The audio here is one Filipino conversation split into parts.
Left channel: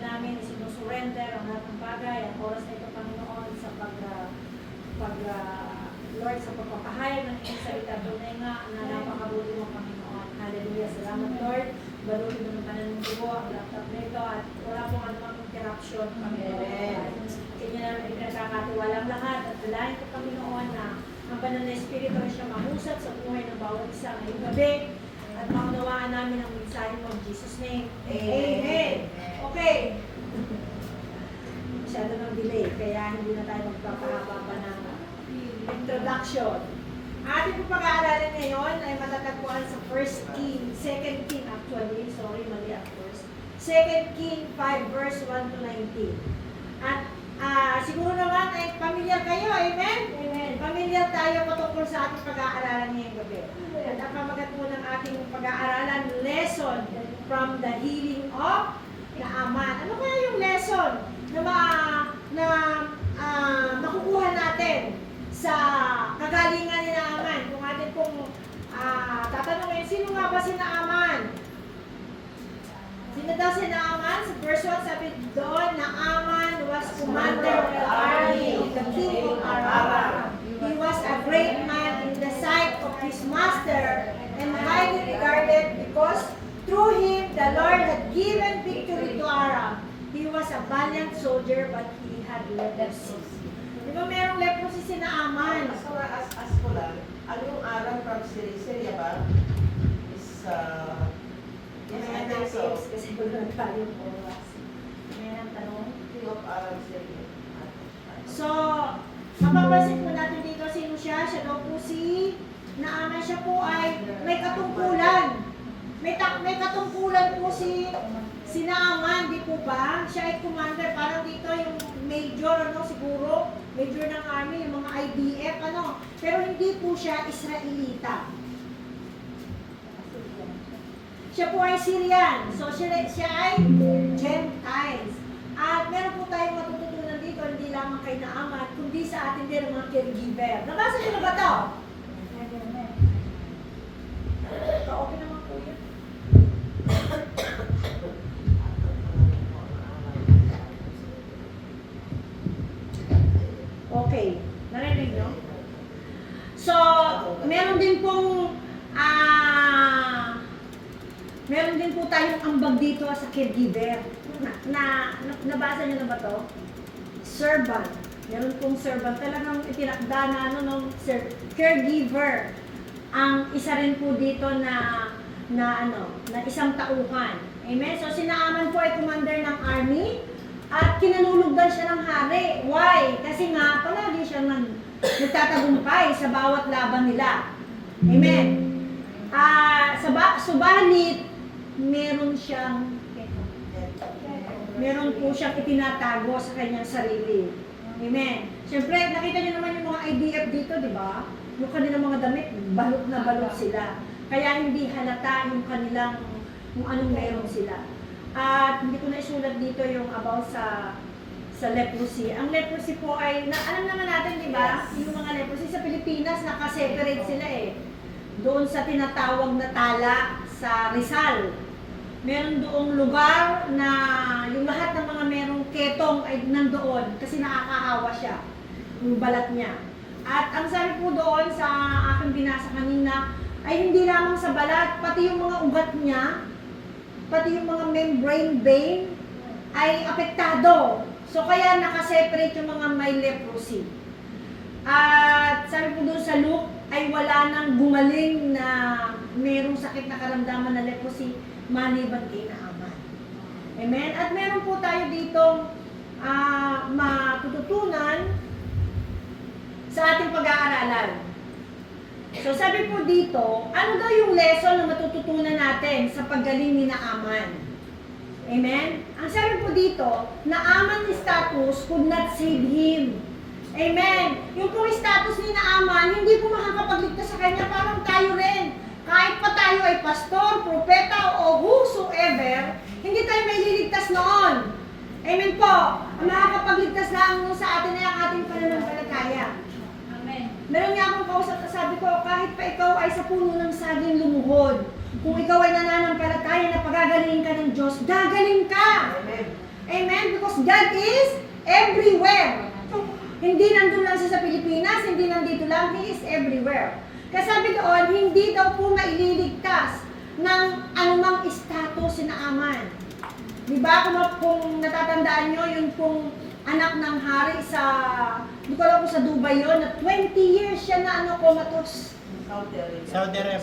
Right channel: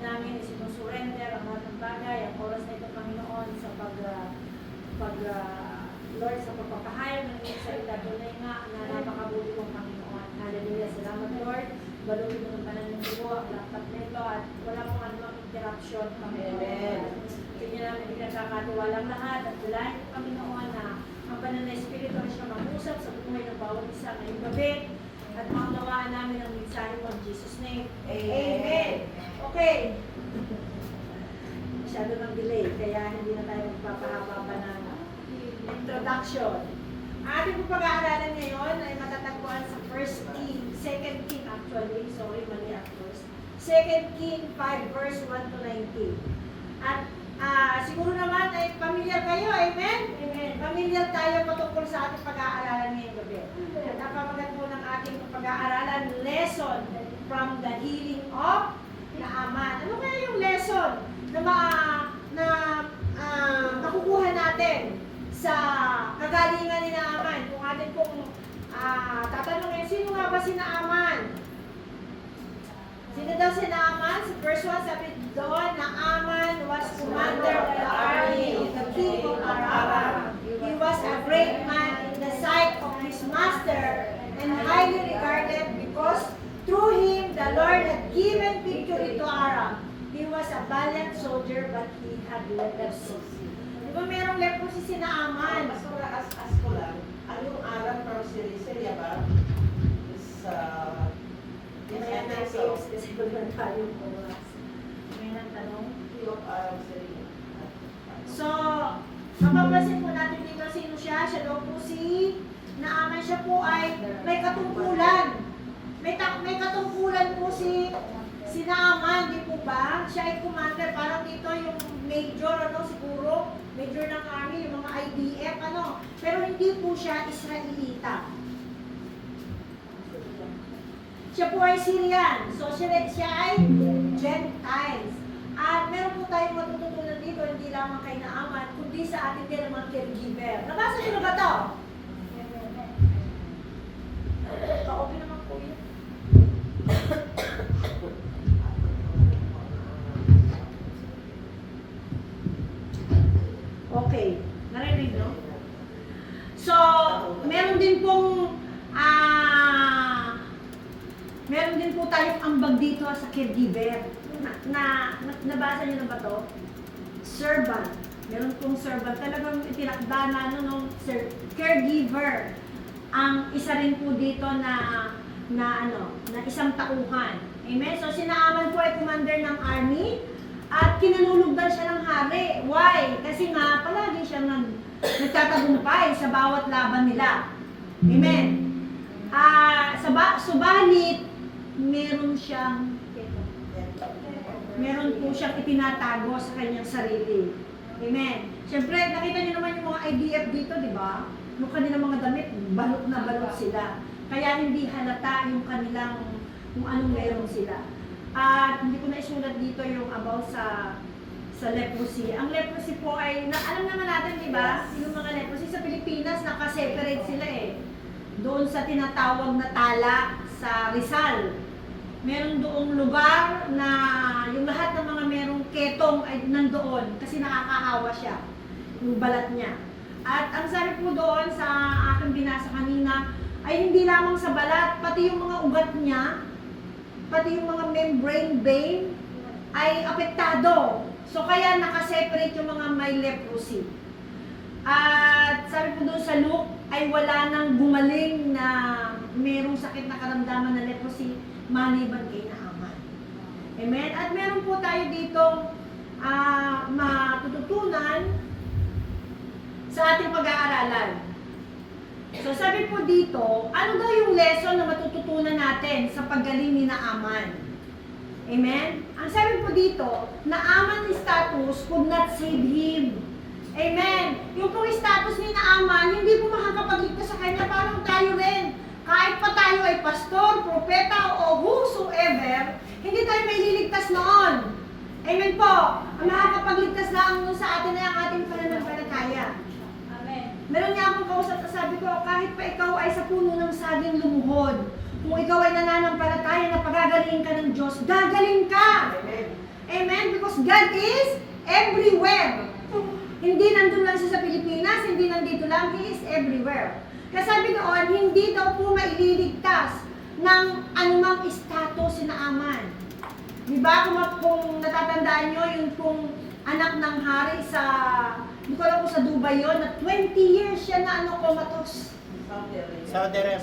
namin isinusurrender ang lahat ng bagay, ang oras na ito, Panginoon, sa Lord, sa pagpapahayag ng iyong salita. Tunay nga na napakabuti mong Panginoon. Hallelujah. Salamat, Lord. Balutin mo ng pananundugo ang laptop nito at wala pong anumang interruption, Panginoon. Kanya namin ikinagkakatiwalang lahat at dalahin ko, Panginoon, na ang banal na Espiritu ay siya mahusap sa buhay ng bawat isa ngayong gabi at maunawaan namin ang mensahe mo in Jesus' name. Amen. Okay. Masyado ng delay, kaya hindi na tayo magpapahaba pa ng introduction. Ating po pag-aaralan ngayon ay matatagpuan sa 1 King, 2 King actually, sorry, mali at first. 2 King 5 verse 1 to 19. At siguro naman ay familiar kayo, amen? Amen. Familiar tayo patungkol sa ating pag-aaralan ngayong gabi. At ang pamagat po ng ating pag-aaralan, lesson from the healing of Naaman. Ano kaya yung lesson na makukuha natin sa kagalingan ni Naaman? Kung atin pong tatanungin, sino nga ba si Naaman? Sino daw si Naaman? Sa verse 1 sabi doon, Naaman was commander of the army of the king of Aram. He was a great man in the sight of his master and highly regarded because through him the Lord had given victory to Aram. He was a valiant soldier but he had leprosy. Di ba merong leprosy si Naaman? As ko lang, ang yung Aram from Syria ba? Is, May natin kasi wala na tayong oras. May nagtanong. King of Aram, Syria. So, mapapansin po natin dito sino siya. Siya daw po si Naaman. Siya po ay may katungkulan. May katungkulan po si Naaman, di po ba? Siya ay commander. Parang dito yung major, siguro. Major ng army, yung mga IDF, Pero hindi po siya Israelita. Siya po ay Syrian. So, siya ay Gentiles. At meron po tayong matututunan dito, hindi lamang kay Naaman, kundi sa atin din ang mga caregiver. Nabasa niyo na ba ito? Okay naman po yun. Okay. Narinig, no? So, meron din po tayong ambag dito sa caregiver. Nabasa niyo na ba to? Servant. Meron pong servant. Talagang itinakda na caregiver. Ang isa rin po dito na isang tauhan. Amen? So, si Naaman po ay commander ng army at kinalulugdan siya ng hari. Why? Kasi nga, palagi siya nagtatagumpay sa bawat laban nila. Amen? Subalit, meron po siyang itinatago sa kanyang sarili. Amen? Siyempre, nakita niyo naman yung mga IDF dito, di ba? Yung kanilang mga damit, balot na balot sila. Kaya hindi halata yung kung anong meron sila. At hindi ko na isulat dito yung about sa leprosy. Ang leprosy po ay, alam naman natin, di ba? Yung mga leprosy sa Pilipinas, nakaseparate sila eh. Doon sa tinatawag na tala sa Rizal. Meron doong lugar na yung lahat ng mga merong ketong ay nandoon kasi nakakaawa siya, yung balat niya. At ang sabi po doon sa aking binasa kanina, ay hindi lamang sa balat, pati yung mga ugat niya, pati yung mga membrane vein, ay apektado. So kaya nakaseparate yung mga may leprosy. At sabi po doon sa Luke, ay wala nang gumaling na mayroong sakit na karamdaman na leprosy, maliban kay Naaman. Amen? At meron po tayo ditong matututunan sa ating pag-aaralan. So sabi po dito, ano daw yung lesson na matututunan natin sa paggaling ni Naaman? Amen? Ang sabi po dito, Naaman's status could not save him. Amen? Yung pong status ni Naaman, hindi po makakapagligtas sa kanya, parang tayo rin. Kahit pa tayo ay pastor, propeta, o whosoever, hindi tayo may liligtas noon. Amen po? Ang makakapagligtas lang sa atin ay ang ating pananampalataya. Amen. Meron nga akong kausap na sabi ko, kahit pa ikaw ay sa puno ng saging lumuhod, kung ikaw ay nananampalataya na pagagaling ka ng Diyos, gagaling ka. Amen. Amen? Because God is everywhere. Hindi nandun lang siya sa Pilipinas, hindi nandito lang, He is everywhere. Kaya sabi doon, hindi daw po maililigtas ng anumang status si Naaman. Di ba? Kung natatandaan nyo, yung pong anak ng hari sa, hindi ko alam kung sa Dubai yun, na 20 years siya na comatose.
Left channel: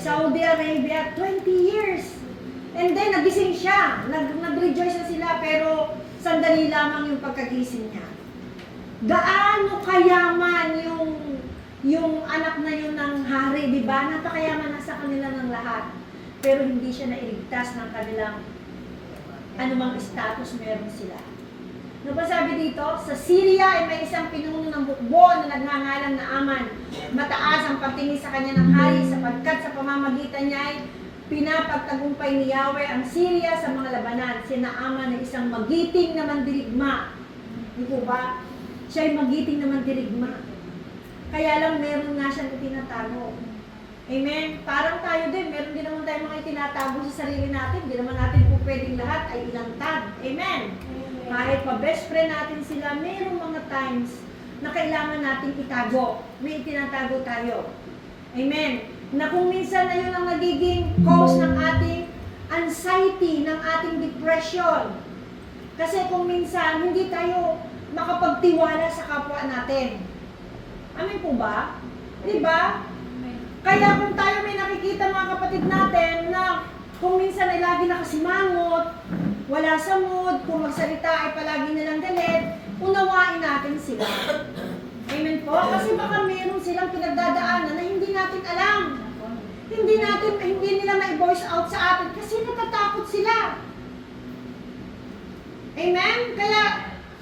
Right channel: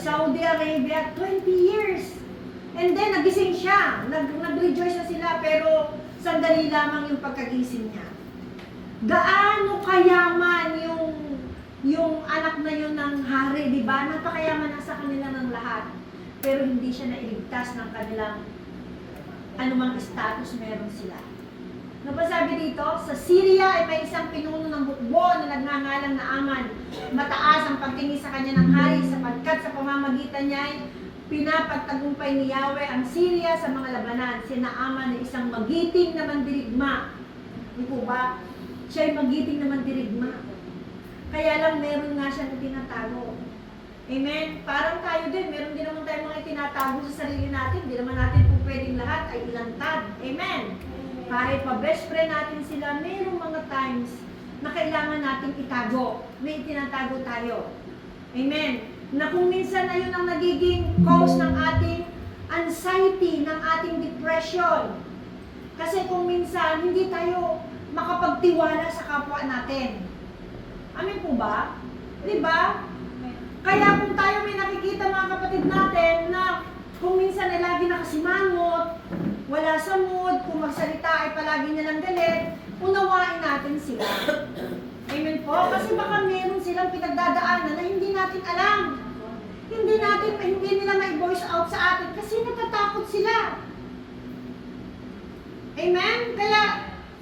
Saudi Arabia, 20 years. And then, nagising siya. Nag-rejoice na sila, pero sandali lamang yung pagkagising niya. Gaano kayaman yung anak na yun ng hari, di ba? Napakayaman na sa kanila ng lahat. Pero hindi siya nailigtas ng kanilang anumang status meron sila. Ano ba sabi dito? Sa Syria ay may isang pinuno ng bukbo na nagngangalang Naaman. Mataas ang pagtingin sa kanya ng hari sapagkat sa pamamagitan niya ay pinapagtagumpay ni Yahweh ang Syria sa mga labanan. Si Naaman ay isang magiting na mandirigma. Di po ba? Siya ay magiting na mandirigma. Kaya lang meron nga siyang itinatago. Amen? Parang tayo din, meron din naman tayo mga itinatago sa sarili natin. Hindi naman natin po pwedeng lahat ay ilantad. Amen? Kahit pa best friend natin sila, mayroong mga times na kailangan natin itago. May itinatago tayo. Amen? Na kung minsan na yun ang nagiging cause ng ating anxiety, ng ating depression. Kasi kung minsan, hindi tayo makapagtiwala sa kapwa natin. Amin po ba? Di ba? Kaya kung tayo may nakikita mga kapatid natin na kung minsan ay lagi nakasimangot, wala sa mood, kung magsalita ay palagi nilang galit, unawain natin sila. Amen po? Kasi baka meron silang pinagdadaanan na hindi natin alam. Hindi nila may-voice out sa atin kasi natatakot sila. Amen?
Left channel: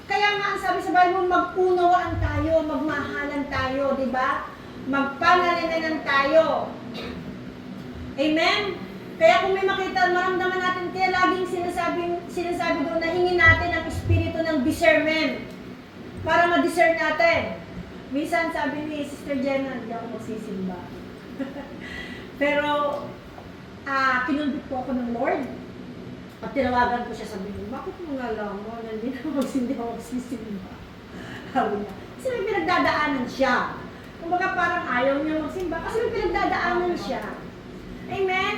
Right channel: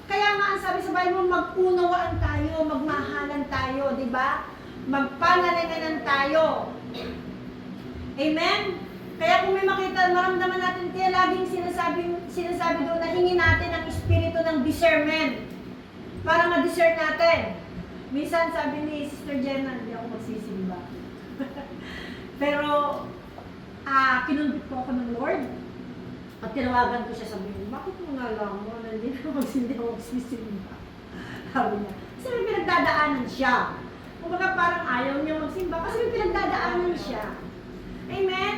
Kaya nga ang sabi sa Bible, mag-unawaan tayo, magmahalan tayo, di ba? Magpanalinanan tayo. Amen? Kaya kung may makita, maramdaman natin, kaya laging sinasabi doon na hingin natin ang espiritu ng discernment para ma-discern natin. Minsan sabi ni Sister Jenna, hindi ako magsisimba. Pero, pinundit po ako ng Lord. At tinawagan ko siya, sabi niya, bakit mo nga alam mo na hindi ako magsisimba? Sabi niya, kasi may pinagdadaanan siya. Kumbaga parang ayaw niya magsimba kasi may pinagdadaanan siya. Amen?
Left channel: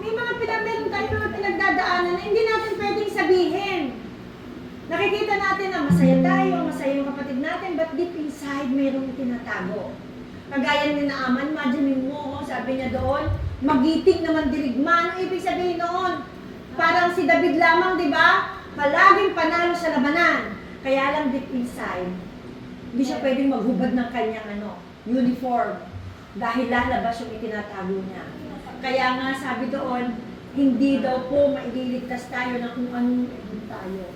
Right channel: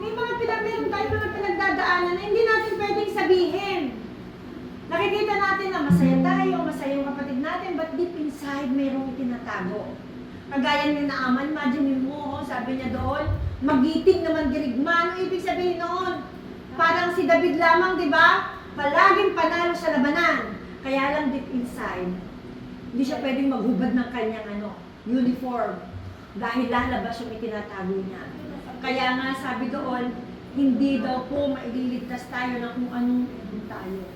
May meron tayo mga pinagdadaanan na hindi natin pwedeng sabihin. Nakikita natin na masaya tayo, masaya yung kapatid natin, but deep inside, mayroong tinatago. Kagaya ni Naaman, imagine mo, sabi niya doon, magitik naman dirigma. Ano ibig sabihin noon? Parang si David lamang, di ba? Palaging panalo sa labanan. Kaya lang deep inside, hindi siya pwedeng maghubad ng kanyang uniform. Dahil lalabas yung itinatago niya. Kaya nga sabi doon, hindi daw po mailigtas tayo na kung anong tayo.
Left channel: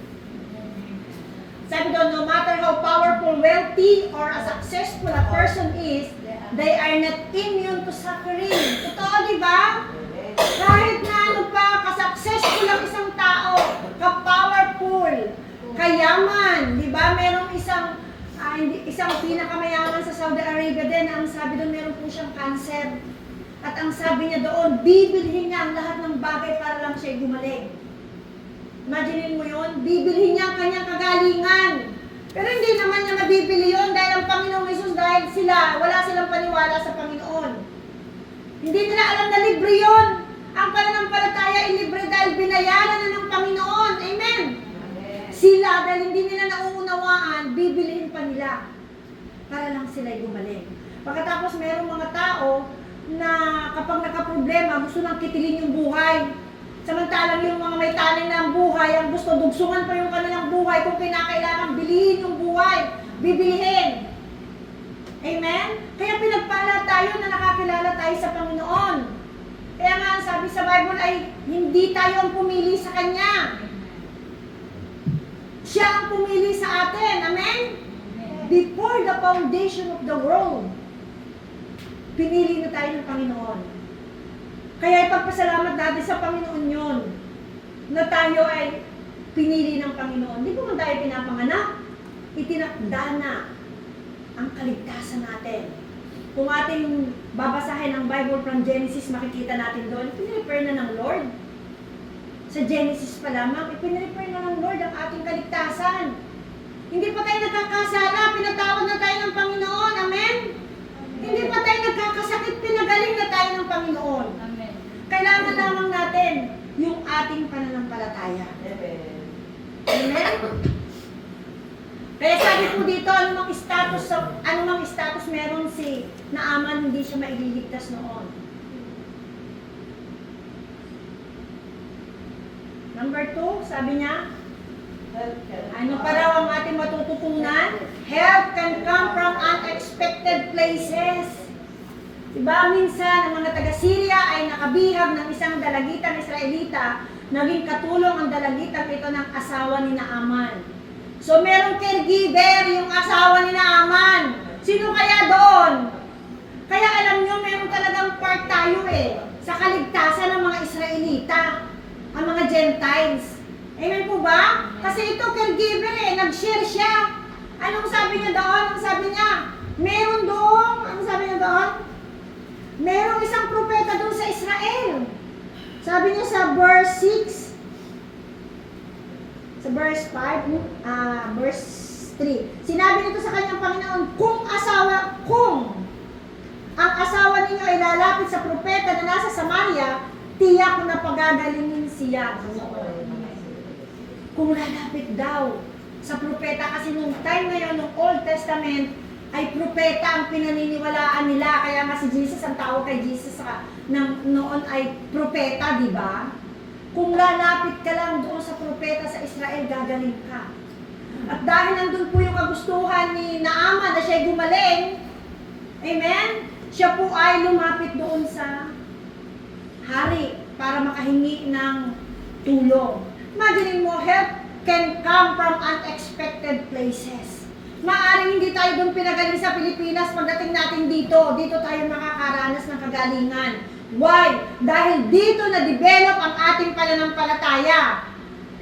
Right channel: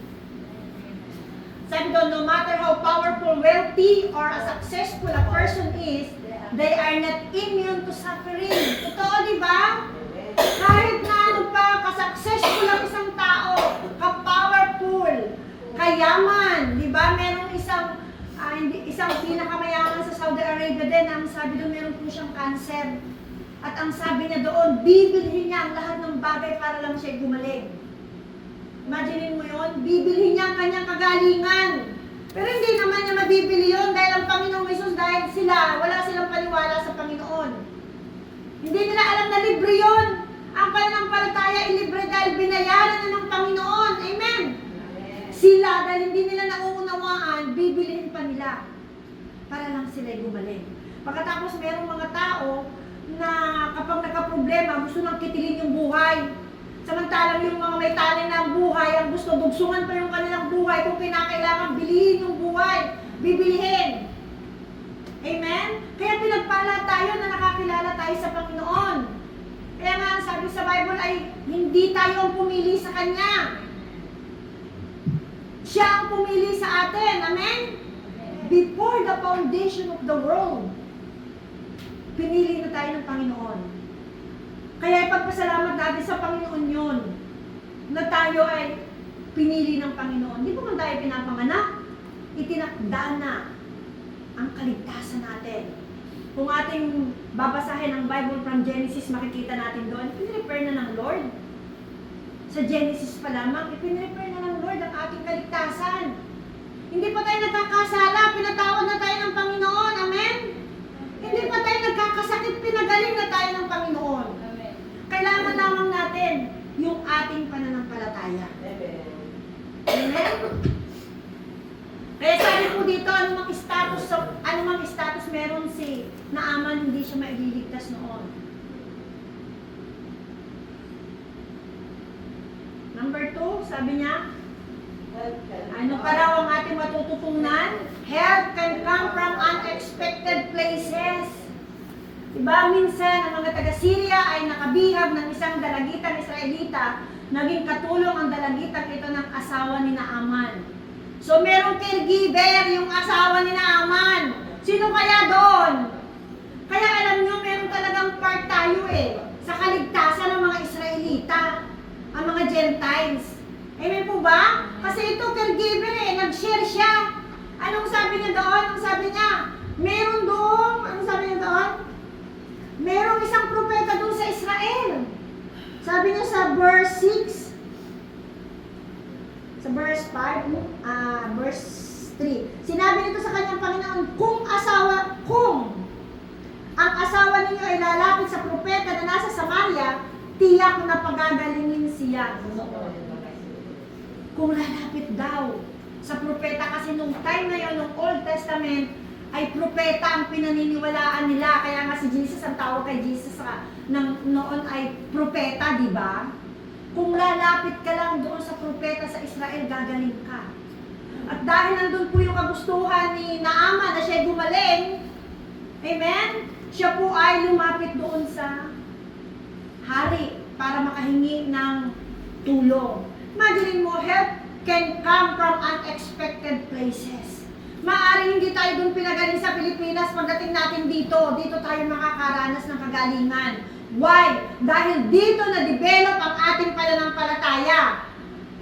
Sabi doon, no matter how powerful, wealthy, or a successful a person is, they are not immune to suffering. Totoo, di ba? Kahit na ka-successful ang isang tao, ka-powerful, kayaman, di ba? Merong isang pinakamayaman sa Saudi Arabia din, ang sabi doon meron po siyang cancer. At ang sabi niya doon, bibilhin niya ang lahat ng bagay para lang siya gumaling. Imaginin mo yun, bibilhin niya ang kanyang kagalingan. Pero hindi naman niya mabibili yun dahil ang Panginoong Jesus, dahil wala silang paniwala sa Panginoon. Hindi nila alam na libre yun. Ang pananampalataya ay libre dahil binayaran na ng Panginoon. Amen? Sila, dahil hindi nila nauunawaan, bibilihin pa nila para lang sila gumaling. Pagkatapos merong mga tao na kapag nagka-problema, gusto nang kitilin yung buhay. Samantalang yung mga may talent na ang buhay, ang gusto dugsungan pa yung kanilang buhay, kung kinakailangan bilihin yung buhay, bibilihin. Amen? Kaya pinagpala tayo na nakakilala tayo sa Panginoon. Kaya nga ang sabi sa Bible ay hindi tayo ang pumili sa Kanya. Siya ang pumili sa atin. Amen? Before the foundation of the world, pinili na tayo ng Panginoon. Kaya ipagpasalamat natin sa Panginoon yun, na tayo ay pinili ng Panginoon. Hindi ko man tayo pinapanganak, itinakda na ang kaligtasan natin. Kung ating babasahin ang Bible from Genesis, makikita natin doon, pinrefer na ng Lord. Sa Genesis pa lamang, ipinrefer na ng Lord ang ating kaligtasan. Hindi pa tayo nagkakasala, pinatawad na tayo ng Panginoon. Amen? Hindi pa tayo nagkakasakit, pinagaling na tayo ng Panginoon. Amen. Kailangan lamang natin yung ating pananampalataya. Amen. Amen? Kaya sabi po dito, anumang status meron si Naaman, hindi siya maililigtas noon. Number 2, sabi niya, ano pa raw ang ating matututunan? Help can come from unexpected places. Diba, minsan ang mga taga-Syria ay nakabihag ng isang dalagitang Israelita, naging katulong ang dalagitang ito ng asawa ni Naaman. So, merong caregiver yung asawa ni Naaman. Sino kaya doon? Kaya alam nyo, meron talagang part tayo sa kaligtasan ng mga Israelita, ang mga Gentiles. Amen po ba? Kasi ito, caregiver nag-share siya. Anong sabi niya doon? Ang sabi niya, meron doon, anong sabi niya doon? Merong isang propeta doon sa Israel. Sabi niya sa verse 6, sa verse 5, verse 3. Sinabi nito sa kanyang Panginoon, kung ang asawa ninyo ay lalapit sa propeta na nasa Samaria, tiyak na pagagalingin siya. Kung lalapit daw sa propeta, kasi nung time na yun, nung Old Testament, ay propeta ang pinaniniwalaan nila. Kaya nga si Jesus, ang tawag kay Jesus noon ay propeta, di ba? Kung lalapit ka lang doon sa propeta sa Israel, gagaling ka. At dahil nandun po yung kagustuhan ni Naaman na siya'y gumaling, amen? Siya po ay lumapit doon sa hari para makahingi ng tulong. Imagine mo, help can come from unexpected places. Maaring hindi tayo doon pinagaling sa Pilipinas, pagdating natin dito tayo makakaranas ng kagalingan. Why? Dahil dito na-develop ang ating pananampalataya.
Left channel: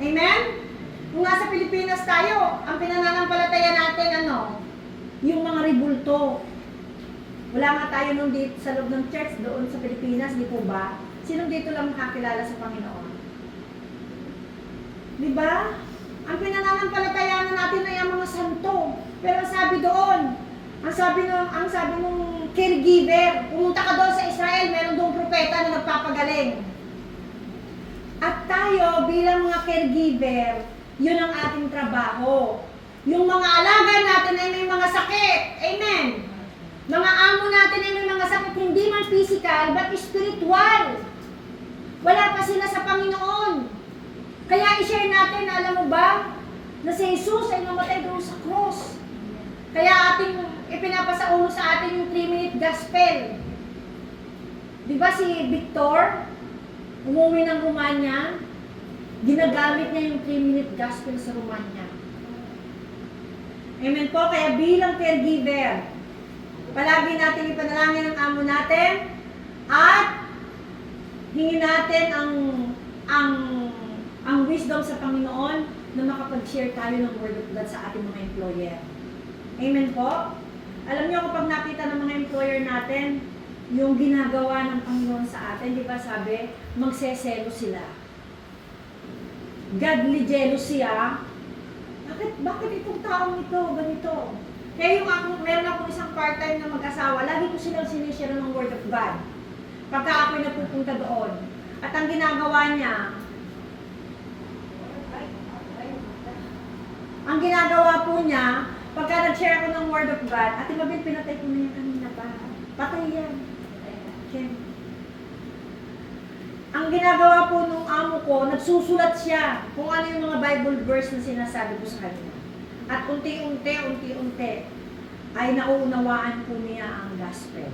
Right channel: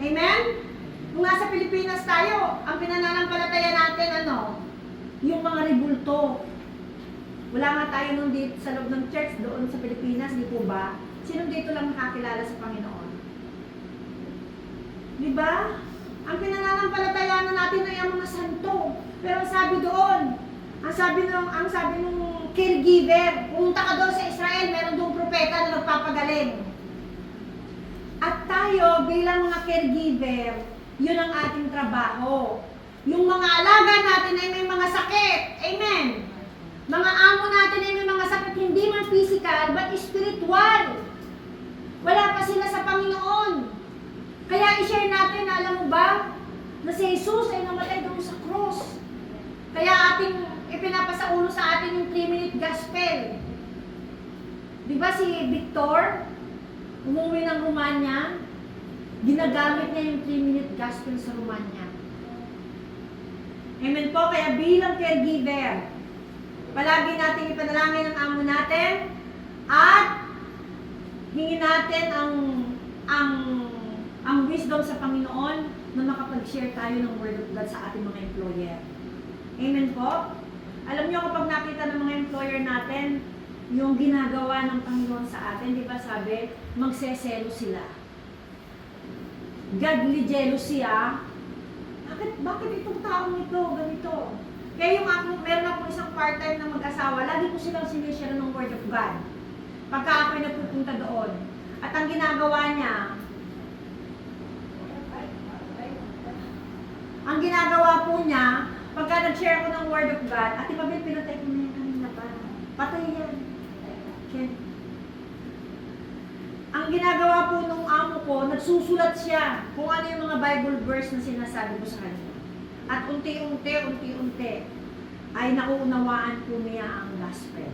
Amen? Kung nasa Pilipinas tayo, ang pinananampalataya natin, yung mga ribulto. Wala nga tayo nung dito sa loob ng church doon sa Pilipinas, di po ba? Sinong dito lang nakakilala sa Panginoon? Di ba? Ang pinananampalataya natin ay ang mga santo. Pero ang sabi doon, ang sabi nung caregiver, pumunta ka doon sa Israel, meron doong propeta na nagpapagaling. At tayo bilang mga caregiver, yun ang ating trabaho. Yung mga alaga natin ay may mga sakit. Amen. Mga amo natin ay may mga sakit, hindi man physical, but spiritual. Wala pa sila sa Panginoon. Kaya i-share natin, alam mo ba, na si Jesus ay mamatay doon sa cross. Kaya ating ipinapasaulo sa atin yung 3-minute gospel. Di ba si Victor, umuwi ng Romania, ginagamit niya yung 3-minute gospel sa Romania. Amen po, kaya bilang caregiver, palagi natin ipanalangin ang amo natin at hingin natin ang wisdom sa Panginoon na makapag-share tayo ng Word of God sa ating mga employer. Amen po? Alam niyo, kapag nakita ng mga employer natin yung ginagawa ng Panginoon sa atin, di ba sabi, magseselo sila. Godly jealousy, Bakit itong taong ito, ganito? Kaya meron akong isang part-time na mag-asawa, lagi ko silang sinishare ng Word of God. Pagka ako'y napupunta doon. At ang ginagawa po niya, pagka nag-share ako ng Word of God, Ate Mabel, pinatay ko na yan kanina pa. Patay yan. Okay. Ang ginagawa po nung amo ko, nagsusulat siya kung ano yung mga Bible verse na sinasabi ko sa kanya. At unti-unti ay nauunawaan po niya ang gospel.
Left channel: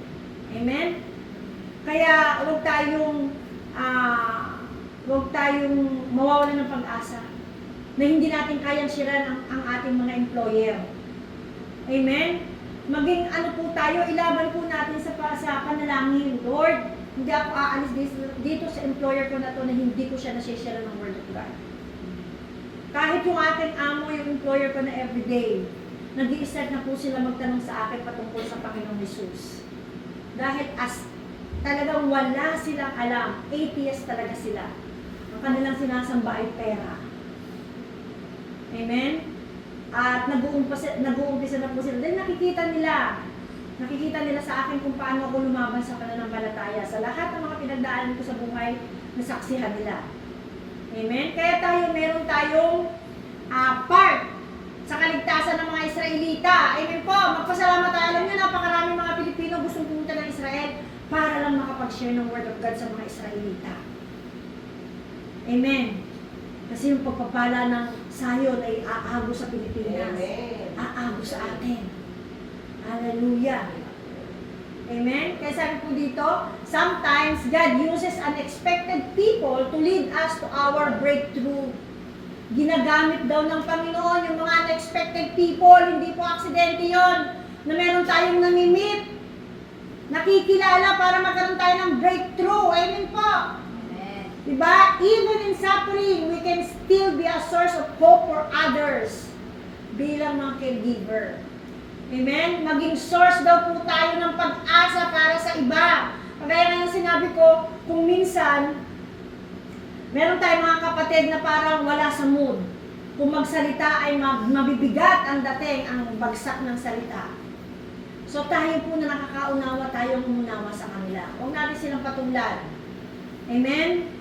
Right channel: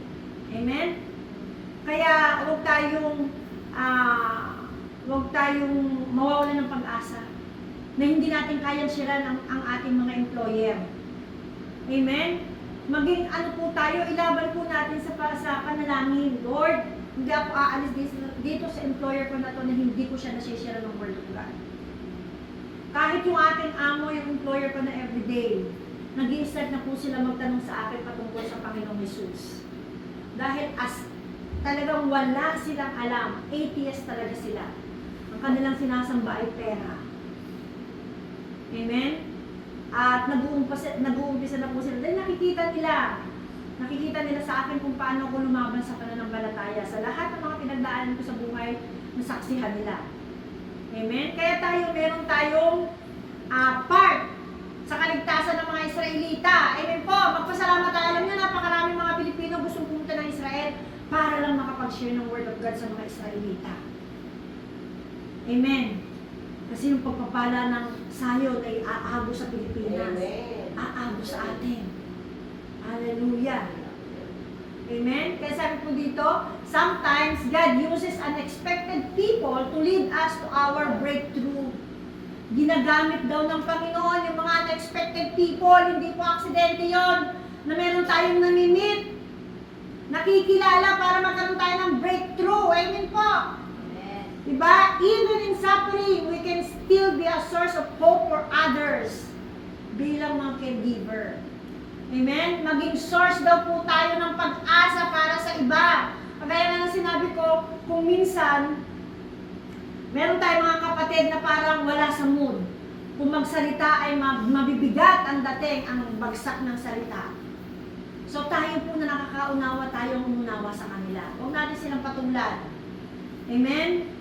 Amen? Kaya huwag tayong mawawalan ng pag-asa na hindi natin kayang sharean ang ating mga employer. Amen? Maging po tayo, ilaban po natin sa panalangin. Lord, hindi ako aalis dito sa employer ko na to na hindi ko siya nasi-share ng Word of God. Kahit yung ating amo, yung employer ko na everyday, nag-i-start na po sila magtanong sa akin patungkol sa Panginoong Jesus. Dahil talagang wala silang alam, atheist talaga sila. Ang kanilang sinasamba ay pera. Amen? At nag-uumpisa na po sila. Dahil nakikita nila sa akin kung paano ako lumaban sa pananampalataya. Sa lahat ng mga pinagdaanan ko sa buhay, nasaksihan nila. Amen? Kaya meron tayong part sa kaligtasan ng mga Israelita. Amen po, magpasalamat tayo. Alam niyo, napakarami mga Pilipino gustong pumunta ng Israel para lang makapag-share ng Word of God sa mga Israelita. Amen. Kasi yung pagpapala ng sayon ay aago sa Pilipinas. Amen. Aago sa atin. Hallelujah. Amen? Kaya sabi po dito, sometimes God uses unexpected people to lead us to our breakthrough. Ginagamit daw ng Panginoon yung mga unexpected people, hindi po aksidente yon na meron tayong namimit, nakikilala para magkaroon tayo ng breakthrough. Amen po. Diba? Even in suffering, we can still be a source of hope for others bilang mga caregiver. Amen? Maging source daw po tayo ng pag-asa para sa iba. Kagaya nga yung sinabi ko, kung minsan, meron tayong mga kapatid na parang wala sa mood. Kung magsalita ay mabibigat ang dating, ang bagsak ng salita. So tayo po na nakakaunawa, tayong umunawa sa kanila. Huwag natin silang patulan. Amen?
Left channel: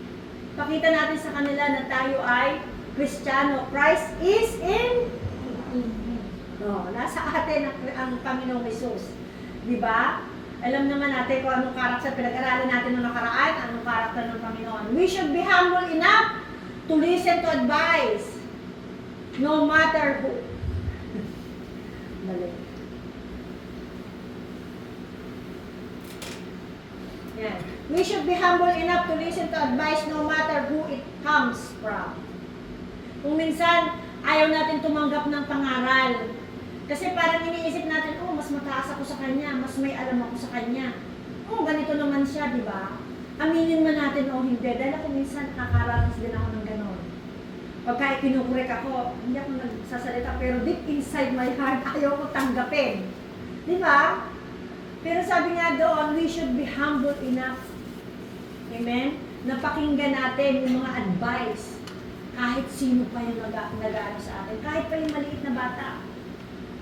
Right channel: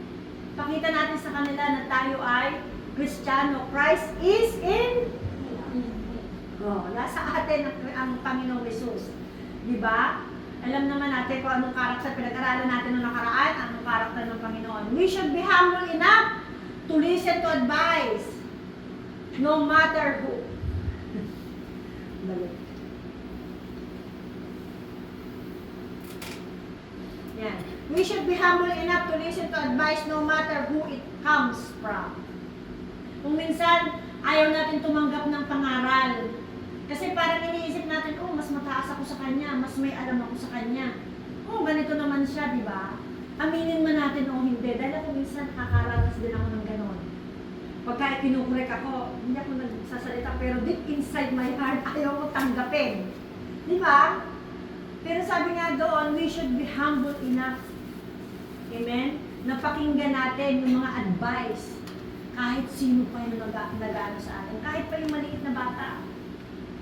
Pakita natin sa kanila na tayo ay Kristiyano. Christ is in nasa atin ang Panginoong Jesus. Diba? Alam naman natin kung anong karakter, pinag-aralan natin noong nakaraan, anong karakter ng Panginoon. We should be humble enough to listen to advice, no matter who. Balik. Yan. We should be humble enough to listen to advice no matter who it comes from. Kung minsan, ayaw natin tumanggap ng pangaral. Kasi parang iniisip natin, oh, mas mataas ako sa kanya, mas may alam ako sa kanya. Oh, ganito naman siya, di ba? Aminin man natin o hindi, dahil ako minsan nakakaranas din ako ng ganon. Pagka kinukurek ako, hindi ako nagsasalita, pero deep inside my heart, ayaw ko tanggapin. Di ba? Pero sabi nga doon, we should be humble enough. Amen? Napakinggan natin yung mga advice. Kahit sino pa yung nag-ano sa atin. Kahit pa yung maliit na bata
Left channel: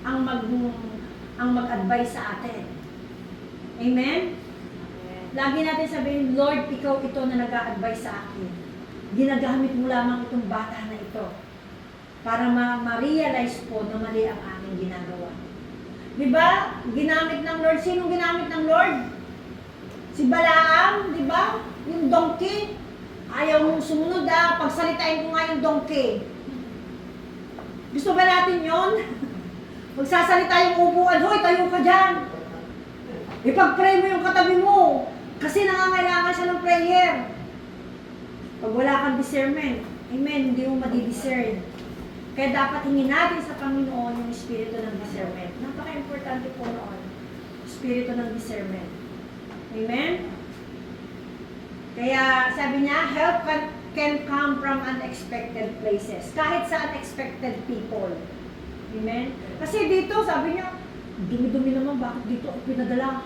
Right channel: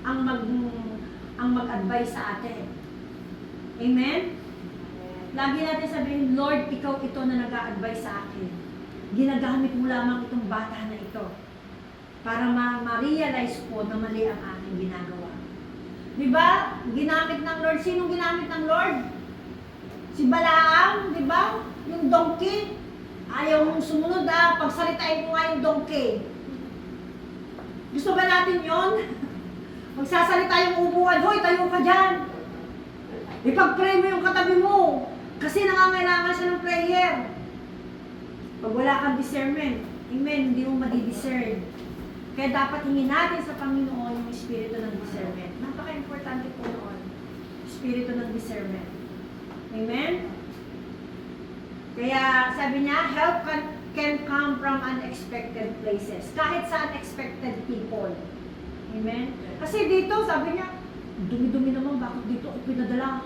ang mag-advise sa atin. Amen? Lagi natin sabihin, Lord, ikaw ito na nag-a-advise sa akin. Ginagamit mo lamang itong bata na ito para ma-realize po na mali ang aking ginagawa. Diba? Ginamit ng Lord. Sinong ginamit ng Lord? Si Balaam, diba? Yung donkey. Ayaw mong sumunod pagsalitain ko nga yung donkey. Gusto ba natin yon? Magsasalita yung upuan, hoy, tayo ka dyan. Ipag-pray mo yung katabi mo. Kasi nangangailangan siya ng prayer. Pag wala kang discernment, amen, hindi mo madi-discern. Kaya dapat hingin natin sa Panginoon yung espiritu ng discernment. Napaka-importante po noon. Espiritu ng discernment. Amen? Kaya sabi niya, help can come from unexpected places. Kahit sa unexpected people. Amen? Kasi dito, sabi niya, dumi-dumi naman, bakit dito ako pinadala?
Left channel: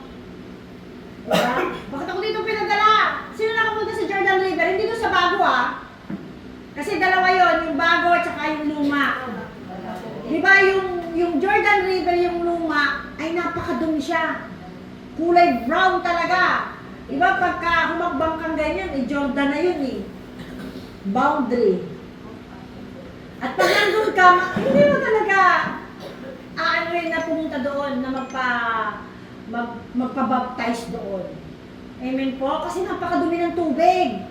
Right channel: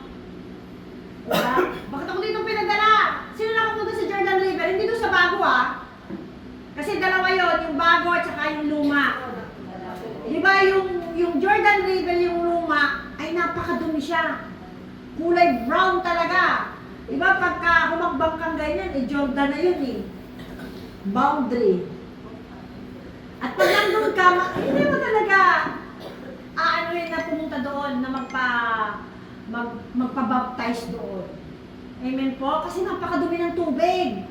Diba? Bakit ako dito pinadala? Sino nakapunta sa Jordan River? Hindi doon sa bago Kasi dalawa yon, yung bago at saka yung luma. Diba yung Jordan River, yung luma, ay napakadumi siya. Kulay brown talaga. Diba pagka humakbang kang ganyan, Jordan na yun boundary. At pag nandun ka, hindi mo talaga na pumunta doon na magpa-baptize doon. Amen po? Kasi napakadumi ng tubig.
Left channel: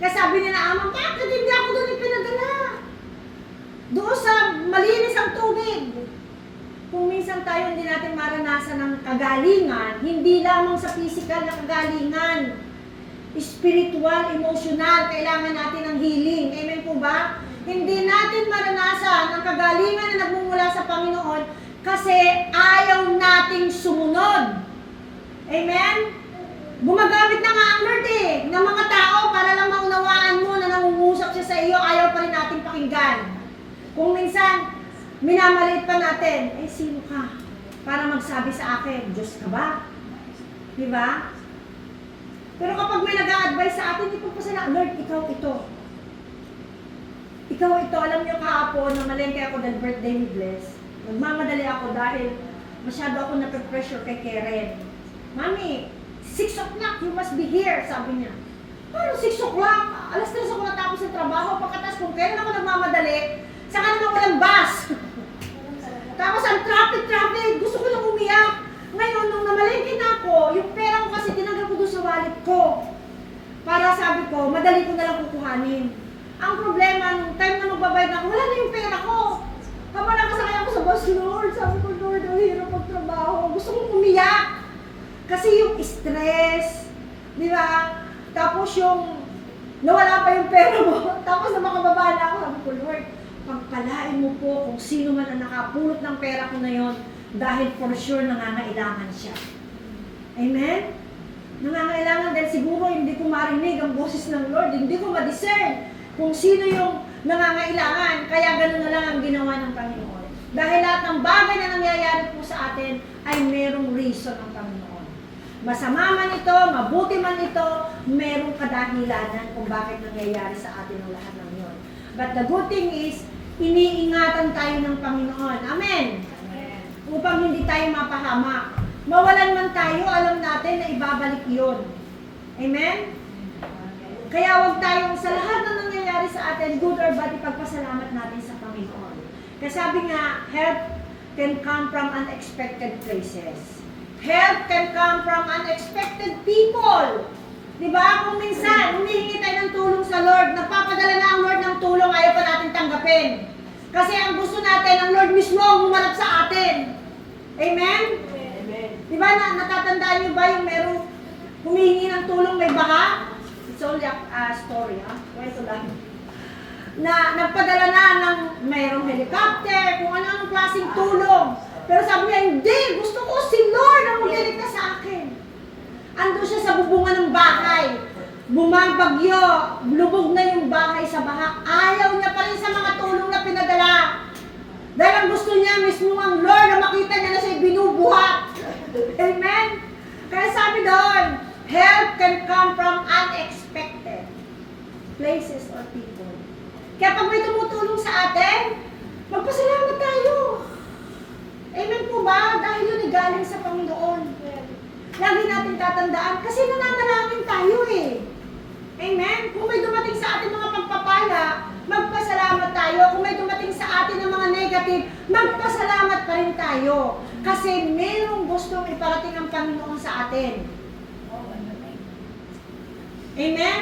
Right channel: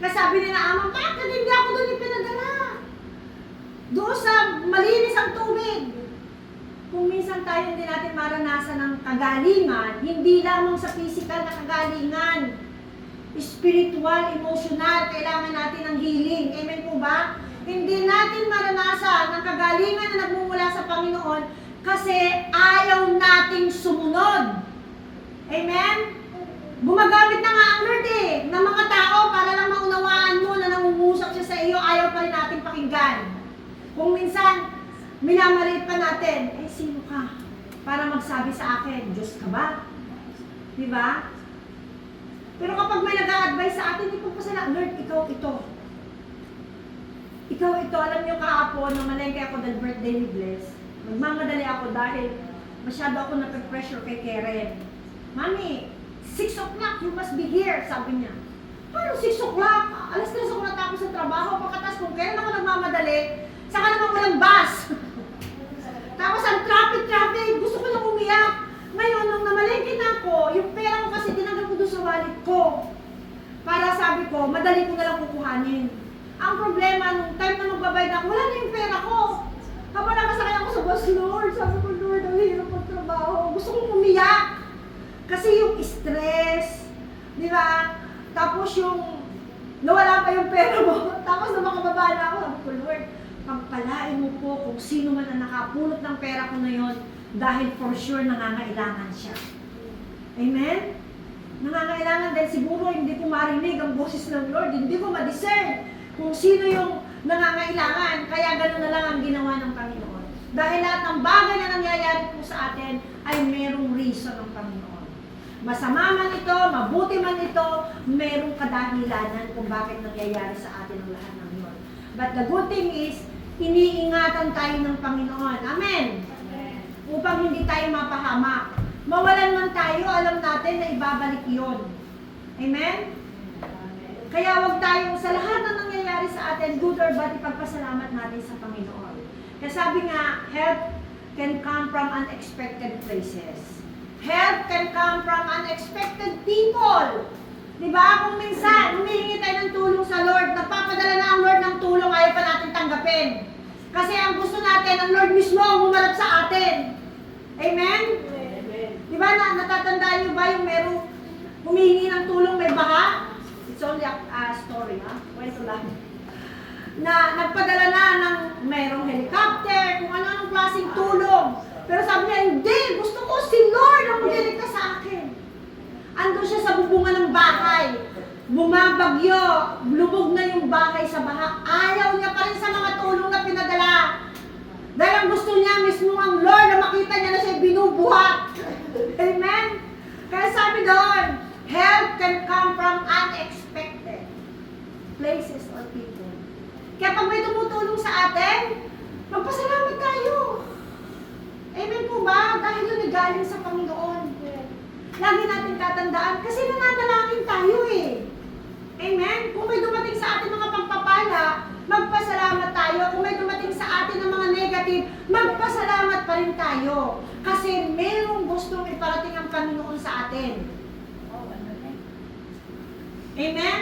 Kaya sabi nila, Ama, bakit hindi ako doon ipinadala? Doon sa malinis ang tubig. Kung minsan tayo hindi natin maranasan ng kagalingan, hindi lamang sa physical na kagalingan, spiritual, emotional, kailangan natin ng healing. Amen po ba? Hindi natin maranasan ang kagalingan na nagmumula sa Panginoon kasi ayaw nating sumunod. Amen? Gumagamit na nga ang Lord ng mga tao para lang maunawaan mo na nangungusap siya sa iyo, ayaw pa rin natin pakinggan. Kung minsan, minamaliit pa natin, sino ka? Para magsabi sa akin, Diyos ka ba? Diba? Pero kapag may nag-a-advise sa atin, hindi po sila, Lord, ikaw ito. Ikaw ito, alam niyo kahapon, namalengke ako dahil birthday ni Bless. Nagmamadali ako dahil masyado ako nape-pressure kay Karen. Mami, 6 o'clock, you must be here, sabi niya. Paano 6 o'clock? Alas 3 ako natapos sa trabaho, pagkatas kung kailan ako nagmamadali, saka naman walang bus. Tapos ang traffic, gusto ko nang umiyak. Ngayon, nung namalengke na ako, yung pera ko kasi tinanggal ko doon sa wallet ko. Para sabi ko, madali ko na lang kukuhanin. Ang problema, nung time na magbabayad na ako, wala na yung pera ko. Habang nakasakay ako sa bus, Lord, sabi ko, Lord, ang hirap magtrabaho. Gusto kong umiyak. Kasi yung stress, di ba? Tapos yung nawala pa yung pera mo. Tapos na makababa na ako, sabi ko, Lord, pagpalain mo po kung sino man ang nakapulot ng pera ko na yon dahil for sure nangangailangan siya. Amen? Nangangailangan dahil siguro hindi ko marinig ang boses ng Lord, hindi ko ma-discern kung sino yung nangangailangan, kaya gano'n na lang ang ginawa ng Panginoon. Dahil lahat ng bagay na nangyayari po sa atin ay merong reason ng Panginoon. Masama man ito, mabuti man ito, merong kadahilanan kung bakit nangyayari sa atin ang lahat ng yun. But the good thing is, iniingatan tayo ng Panginoon. Amen? Upang hindi tayo mapahamak. Mawalan man tayo, alam natin na ibabalik yun. Amen? Kaya huwag tayong sa lahat na nangyayari sa atin, good or bad, ipagpasalamat natin sa Panginoon. Kasi sabi nga, help can come from unexpected places. Help can come from unexpected people. Diba? Kung minsan, humihingi tayo ng tulong sa Lord, nagpapadala na ang Lord ng tulong, ayaw pa natin tanggapin. Kasi ang gusto natin, ang Lord mismo ang humarap sa atin. Amen? Amen. Diba, natatandaan nyo ba yung merong humihingi ng tulong may baha? It's only a story, ha? Kwento lang. Na nagpadala na ng mayroong helicopter, kung ano-anong klaseng tulong. Pero sabi niya, hindi, gusto ko si Lord ang magliligtas sa akin. Ando siya sa bubungan ng bahay. Bumabagyo, lubog na yung bahay sa baha. Ayaw niya pa rin sa mga tulong na pinadala. Dahil ang gusto niya mismo ang Lord na makita niya na siya binubuhat. Amen? Kaya sabi doon, help can come from unexpected places or people. Kaya pag may tumutulong sa atin, magpasalamat tayo. Amen po ba? Dahil yun ay galing sa Panginoon. Lagi natin tatandaan kasi nananalangin tayo eh. Amen? Kung may dumating sa atin mga pagpapala, magpasalamat tayo. Kung may dumating sa atin ng mga negative, magpasalamat pa rin tayo. Kasi merong gustong iparating ang Panginoon sa atin. Amen?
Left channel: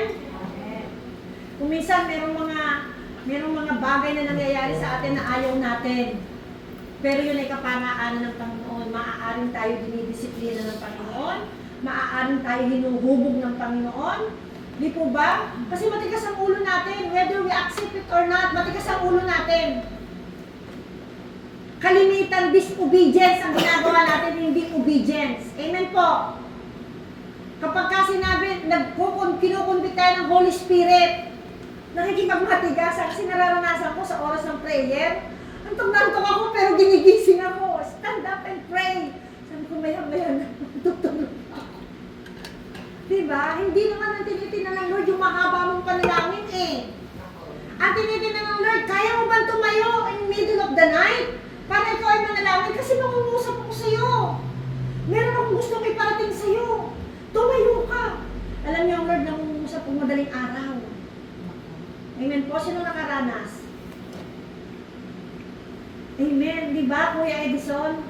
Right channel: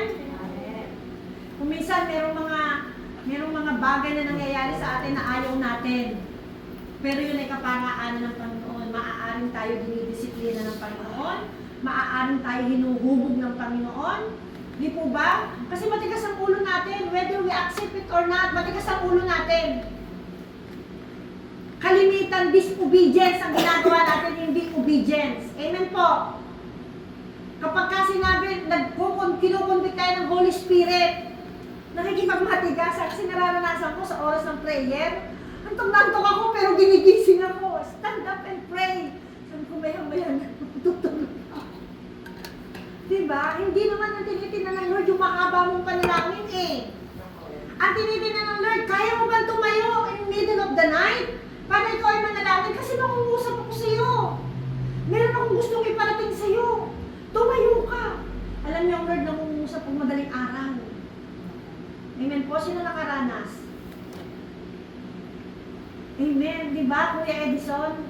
Kung minsan merong mga bagay na nangyayari sa atin na ayaw natin. Pero yun ay kaparaanan ng Panginoon. Maaaring tayo dinidisiplina ng Panginoon. Maaaring tayo hinuhubog ng Panginoon. Di po ba? Kasi matigas ang ulo natin. Whether we accept it or not, matigas ang ulo natin. Kalimitan, disobedience ang ginagawa natin, hindi obedience. Amen po. Kapag kasi sinabi, kinukumbit tayo ng Holy Spirit, nakikipagmatigas, kasi nararanasan ko sa oras ng prayer, antok ako pero ginigising ako. Stand up and pray. Sabi ko, mayan, tutulog ako. Diba? Hindi naman ang tinitinan ng Lord yung mahaba mong panalangin eh. Ang tinitinan ng Lord, kaya mo ba tumayo in the middle of the night? Para ikaw ay manalangin kasi mangungusap ako sa iyo. Meron akong gustong iparating sa iyo. Tumayo ka. Alam niyo ang Lord nangungusap kung madaling araw. Amen po. Sino nakaranas? Amen. Di ba, Kuya Edison?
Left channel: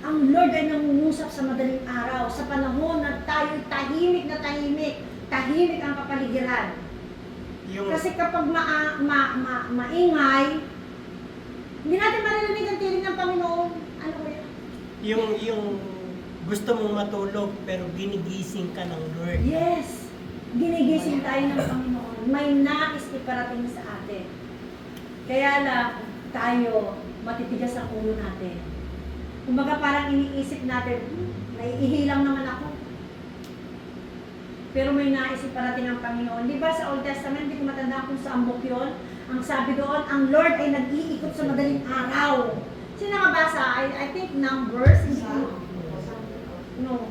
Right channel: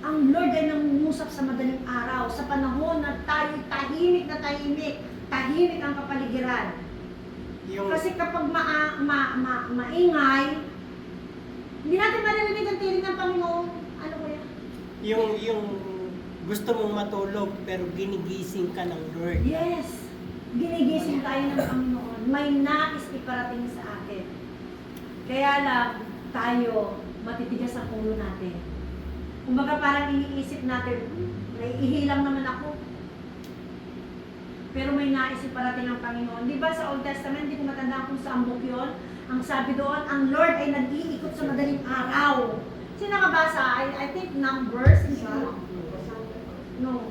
Ang Lord ay nangungusap sa madaling araw. Sa panahon na tayo tahimik na tahimik. Tahimik ang kapaligiran. Kasi kapag maingay, hindi natin maririnig ang tinig ng Panginoon. Ano ko yan? Yung gusto mong matulog pero ginigising ka ng Lord. Yes. Ginigising tayo ng Panginoon. May nais iparating sa atin. Kaya lang, tayo, matitigas ang ulo natin. Kumbaga parang iniisip natin, naiihilang naman ako. Pero may nais iparating ang Panginoon. Di ba sa Old Testament, hindi ko matandaan kung saan book yun, ang sabi doon, ang Lord ay nag-iikot sa madaling araw. Sino nakabasa? I think Numbers. No.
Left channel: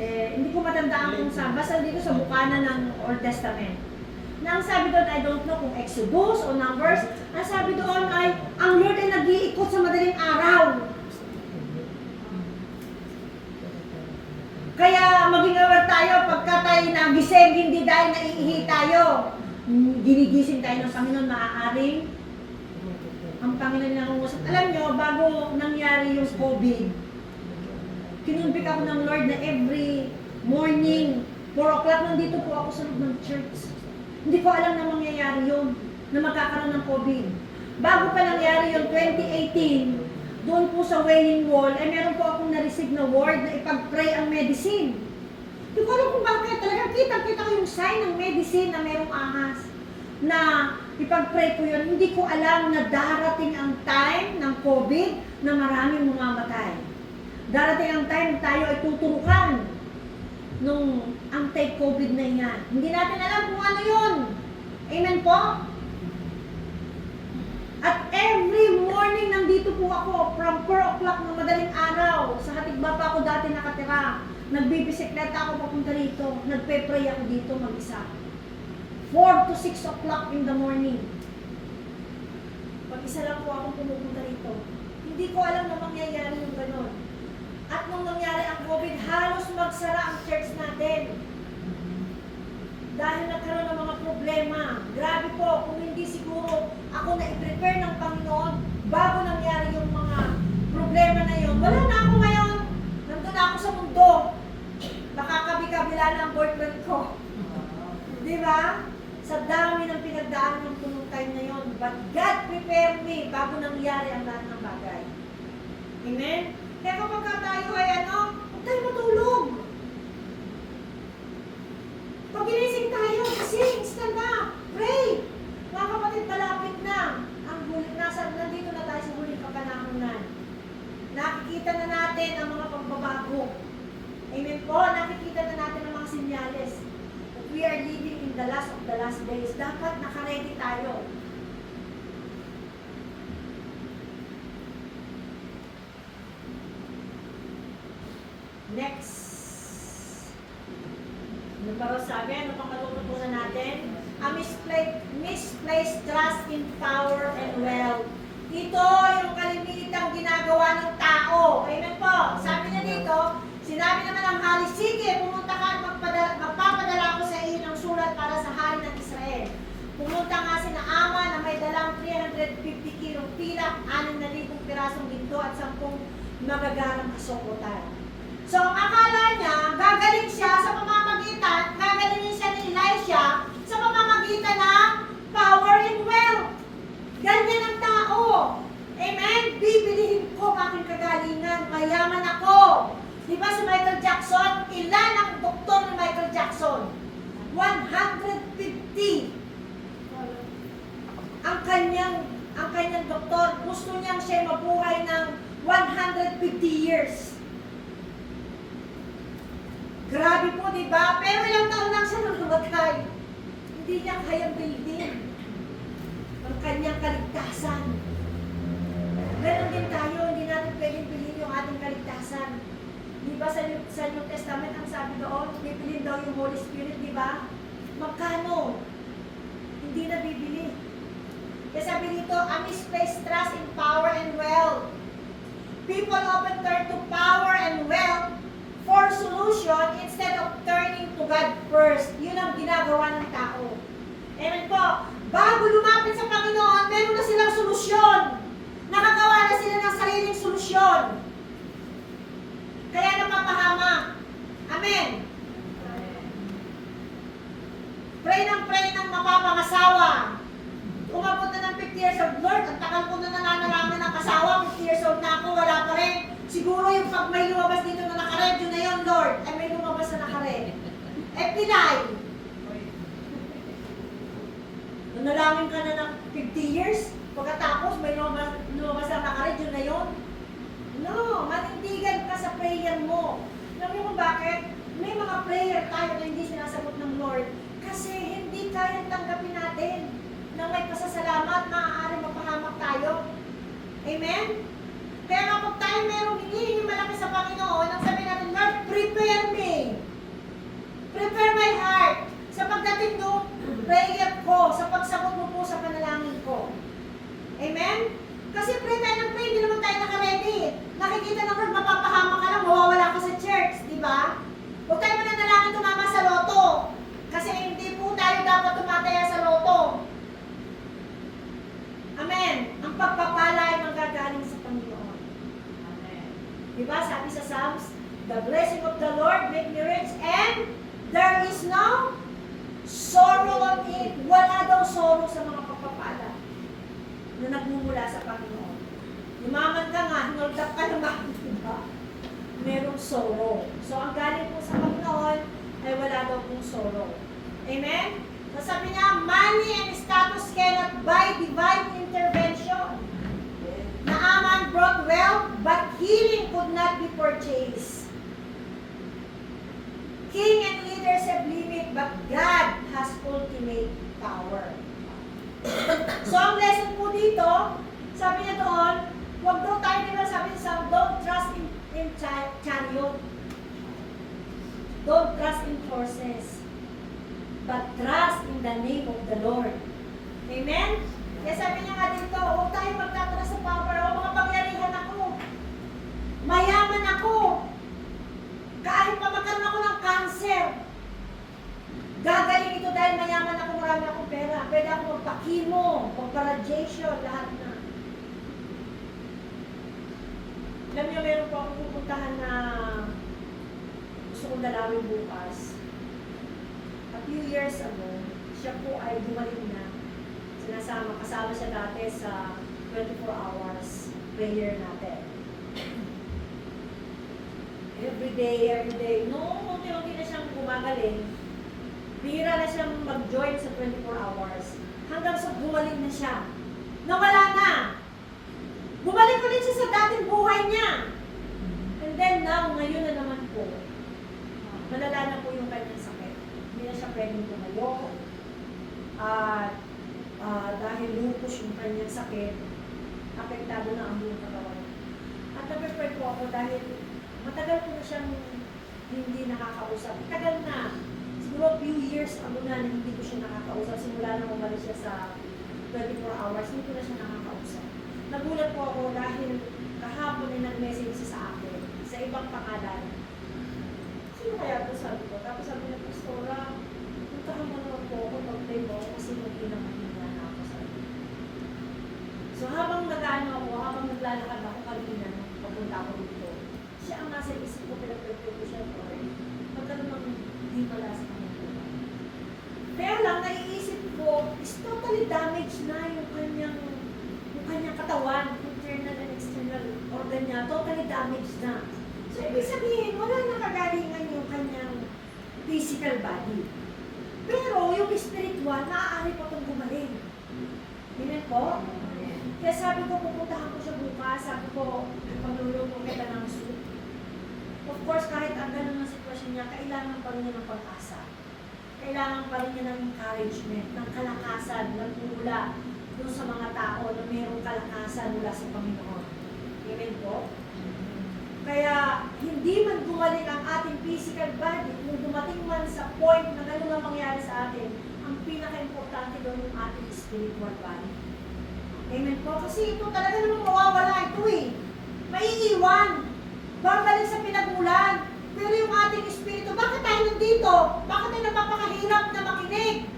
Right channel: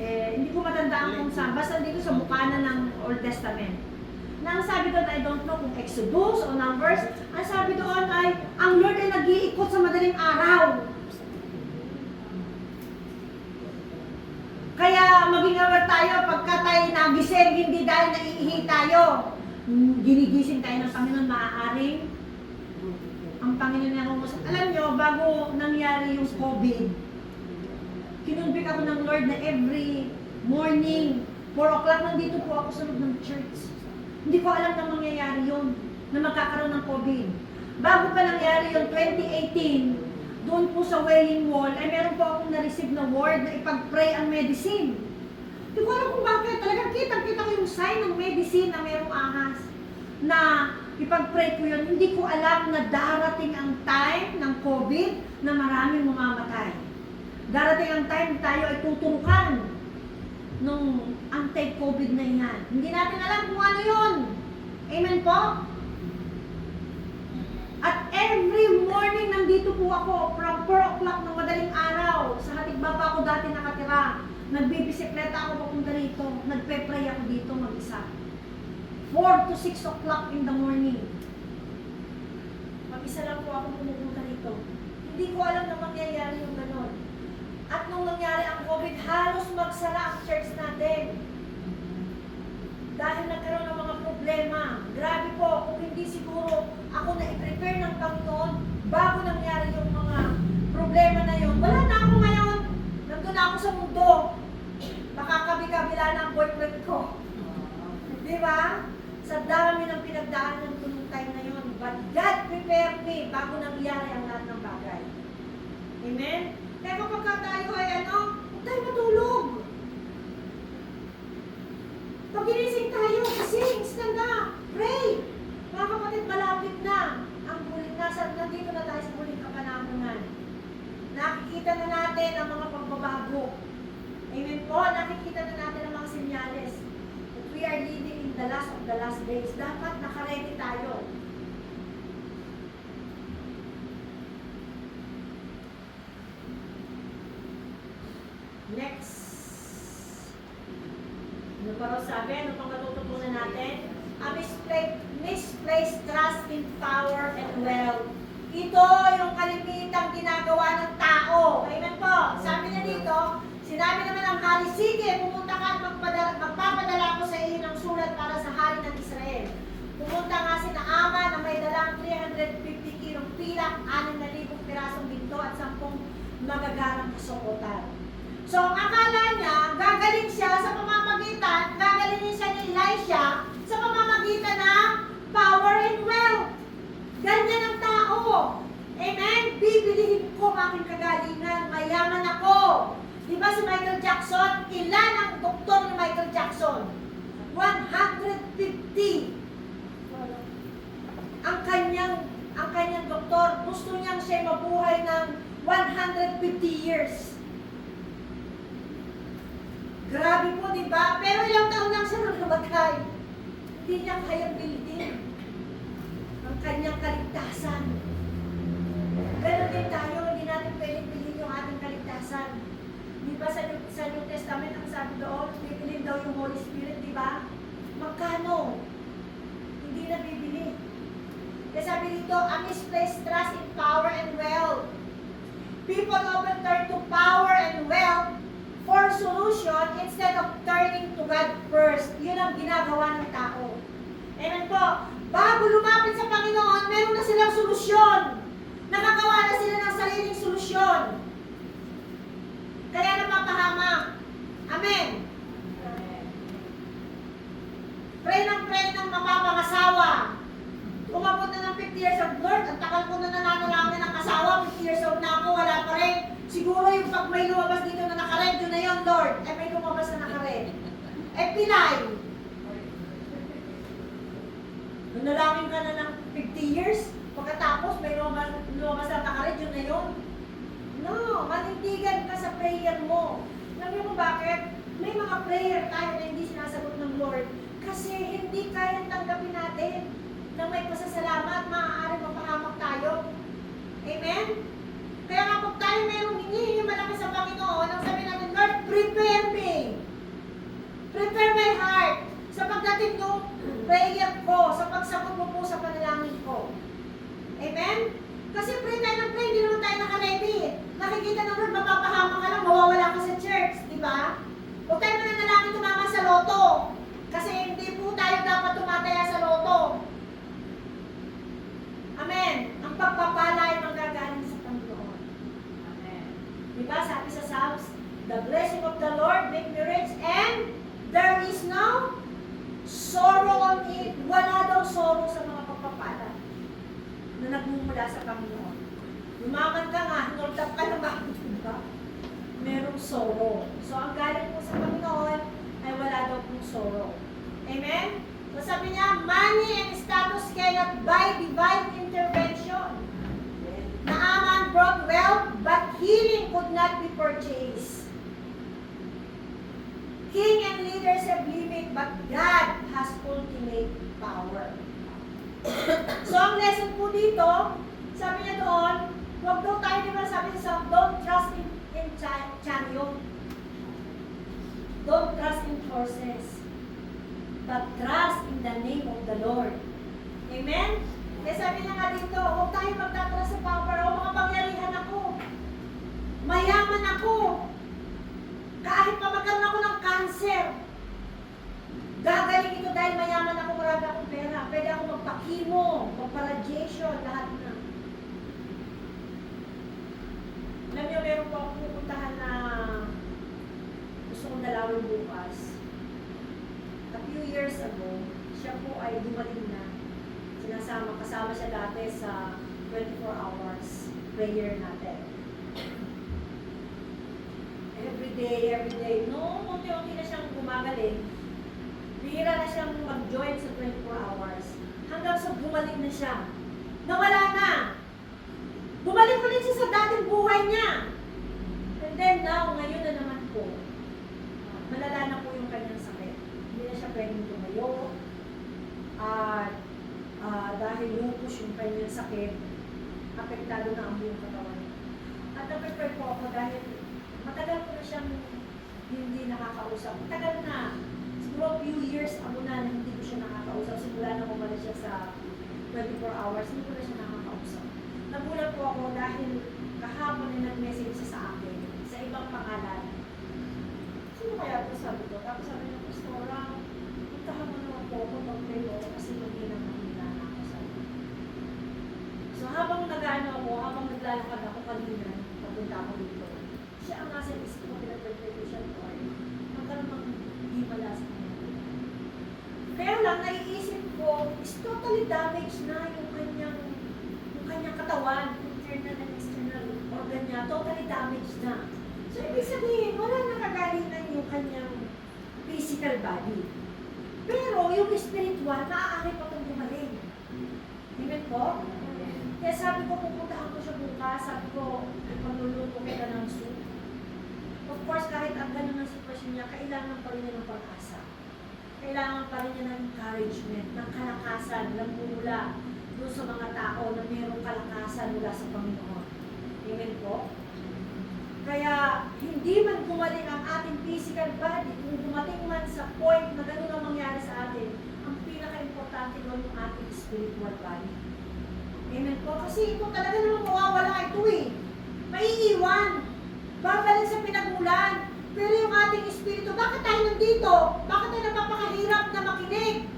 Hindi ko matandaan kung saan. Basta dito sa bukana ng Old Testament. Na ang sabi doon, I don't know kung Exodus o Numbers, ang sabi doon ay, ang Lord ay nag-iikot sa madaling araw. Kaya maging aware tayo pagka tayo nagising, hindi dahil naiihi tayo. Ginigising tayo ng Panginoon, maaaring ang Panginoon nangungusap. Alam nyo, bago nangyari yung COVID, kinumbik ako ng Lord na every morning, 4 o'clock, nandito po ako sa loob ng church. Hindi ko alam na mangyayari yun, na magkakaroon ng COVID. Bago pa nangyari yung 2018, doon po sa Wailing Wall, ay meron po akong na-receive na word na ipag-pray ang medicine. Hindi ko alam kung bakit. Talagang kitang-kita ko yung sign ng medicine na merong ahas. Na ipag-pray ko yun. Hindi ko alam na darating ang time ng COVID na maraming mamamatay. Darating ang time tayo ay tuturukan nung anti-COVID na yan. Hindi natin alam kung ano yun. Amen po? At every morning nandito po ako from 4 o'clock ng madaling araw. Sa Hatigba pa ako dati nakatira. Nagbibisikleta ako papunta rito. Nagpe-pray ako dito mag-isa. 4 to 6 o'clock in the morning. Mag-isa lang po ako pumupunta rito. Hindi ko alam na mangyayari yung ganon. At nung nangyari ang COVID, halos magsara ang church natin. Dahil nagkaroon ng mga problema. Grabe po, kung hindi siguro ako na i-prepare ng Panginoon bago nangyari yung mga problema na yun. Wala na ako ngayon. Nandun na ako sa mundo. Baka kabi-kabila na ang boyfriend ko. Di ba? Sa dami ng pinagdaan ng tunong time na yun. But God prepared me bago nangyari ang lahat ng bagay. Amen? Kaya kapag tayo ay huwag tayo matulog. Pag ginising tayo, sing, stand up, pray. Mga kapatid, malapit na. Ang huling nandito na tayo sa huling kapanahonan. Nakikita na natin ang mga pagbabago. Amen po, nakikita na natin ang mga sinyales. We are living in the last of the last days. Dapat nakaredy tayo. Next. Ano pa ba sabi? Ano pang matututunan natin? A misplaced trust in power and wealth. Ito yung kalimitang ginagawa ng tao. Amen po. Sabi na dito, sinabi naman ng hari, sige, pumunta ka at magpapadala ko sa iyo ng sulat para sa hari ng Israel. Pumunta nga si Naaman na may dalang 350 kilong pilak, 6,000 pirasong ginto at 10 magagarang kasuotan. So, ang akala niya, gagaling siya sa pamamagitan, gagalingin siya ni Elisha sa pamamagitan ng power and wealth. Ganyan ang tao. Amen? Bibilihin ko ang aking kagalingan, mayaman ako. Di ba si Michael Jackson? Ilan ang doktor ni Michael Jackson? 150. Ang kanyang doktor, gusto niyang siya mabuhay ng 150 years. Grabe po, di ba? Pero ilang taon lang siya nung lumagay. Hindi niya kayang building ang kanyang kaligtasan. Ganon din tayo, hindi natin pwedeng bilhin yung ating kaligtasan. Di ba sa New Testament, ang sabi doon, pipilin daw yung Holy Spirit, di ba? Magkano? Hindi na bibili. Kaya sabi dito, a misplaced trust in power and wealth. People often turn to power and wealth for solution instead of turning to God first. Yun ang ginagawa ng tao. Amen po. Bago lumapit sa Panginoon, meron na silang solusyon. Nakagawa na sila ng sariling solusyon. Kaya napapahamak. Amen. Pray ng mapapangasawa. Umabot na ng 50 years old, Lord, ang tagal ko na nananalangin ng kasawa, 50 years old na ako, wala pa rin. Siguro yung pag may lumabas dito na nakared, yun na yun, Lord. Ay may lumabas na nakared. Eh, pinay. Nanalangin ka na ng 50 years, pagkatapos may lumabas na nakared, yun na yun. No, manindigan ka sa prayer mo. Alam mo kung bakit? May mga prayer tayo na hindi sinasagot ng Lord kasi hindi kaya tanggapin natin na may pasasalamat, maaari mapahamak tayo. Amen? Kaya kapag tayo mayroong hinihingi malaki sa Panginoon, ang sabi natin, Lord, prepare me. Prepare my heart. Sa pagdating yung prayer ako sa pagsagot mo po sa panalangin ko. Amen? Kasi pray tayo ng pray, hindi naman tayo naka-ready. Nakikita ng Lord, mapapahama ka lang, mawawala ka sa church, di ba? Huwag tayo mananalangin tumama sa loto. Kasi hindi po tayo dapat tumataya sa loto. Amen. Ang pagpapala ay manggagaling sa Panginoon. Amen. Di ba? Sabi sa Psalms, the blessing of the Lord make me rich and there is no sorrow on it. Wala daw sorrow sa mga pagpapala na nagmumula sa Panginoon. Umaman ka nga, hinultap ka naman, di ba? Merong sorrow. So, ang galing po sa Panginoon ay wala daw pong sorrow. Amen? So, sabi niya, money and status cannot buy divine intervention. Naaman brought wealth, but healing could not be purchased. King and leaders have limit, but God has ultimate power. So, ang lesson po dito, sabi niya doon, huwag daw tayo nila, sabi niya, don't trust in chariot. Don't trust in horses. But trust in the name of the Lord. Amen? Kaya sabi niya nga dito, huwag tayo magtatrust sa power. O, makapangyarihan ako. Mayaman ako. Kahit pa magkaroon ako ng cancer, gagaling ito dahil mayaman ako, marami akong pera. Pwede ako magpa-chemo, magpa-radiation, lahat na. Alam niyo, meron po akong pupuntahan na gusto kong dalawin bukas. A few years ago, siya po ay dumaling na. Kasama siya dati sa 24 hours prayer natin. Every day, unti-unti na siyang gumagaling. Bihira na siyang mag-join sa 24 hours. Hanggang sa bumalik na siya. Nawala na. Bumalik ulit siya sa dating buhay niya. And then now, ngayon na naman po, malala na po yung kanyang sakit. Hindi na siya pwedeng tumayo. Dahil lupus yung kanyang sakit, apektado na ang buong katawan. At na-prepare po ako dahil matagal ko na siyang hindi nakakausap. Matagal na. Siguro few years ako na hindi ko siya nakakausap. Simula na umalik siya sa 24 hours, hindi ko na siya nakakausap. Nagulat po ako dahil kahapon ay nag-message siya sa akin sa ibang pangalan. Sino kaya ito sabi ko? Tapos sabi niya, Pastora, puntahan mo na po ako, mag-play mo kasi mahina na ako sabi. So habang nag-ano ako, habang naglalakad ako kanina, papunta ako dito, siya ang nasa isip ko, pinag-play ko siya po eh. Magkaroon ng hindi pala sa kanya. Kaya lang, naiisip ko, is totally damaged na yung kanyang katawan, internal and external organ niya, totally damaged na. So, ibig sabihin, wala nang kagalingan yung kanyang physical body. Pero, yung spiritual, maaari pa itong gumaling. Amen po? Kaya sabi ko, pupuntahan ko siya bukas, sabi ko, magluluto kita ng soup. Of course, kahit ang ganun ang sitwasyon niya, kailangan pa rin niya ng pag-asa. Kailangan pa rin niya ng encouragement, ng kalakasan, ng mula doon sa mga tao na mayroong kalakasan mula sa Panginoon. Amen po? Kaya, hindi man gumaling ang ating physical body, kung dumating man sa point na gano'n na mangyari sa atin, ang pinaka-importante doon yung ating spiritual body. Amen po? Kasi ito talaga naman mawawala ito eh. Maiiwan. Babalik sa pinagmulan. Pero yung ating espiritu, bakit tayo nandito? Bakit tayo napapakahirap na makinig?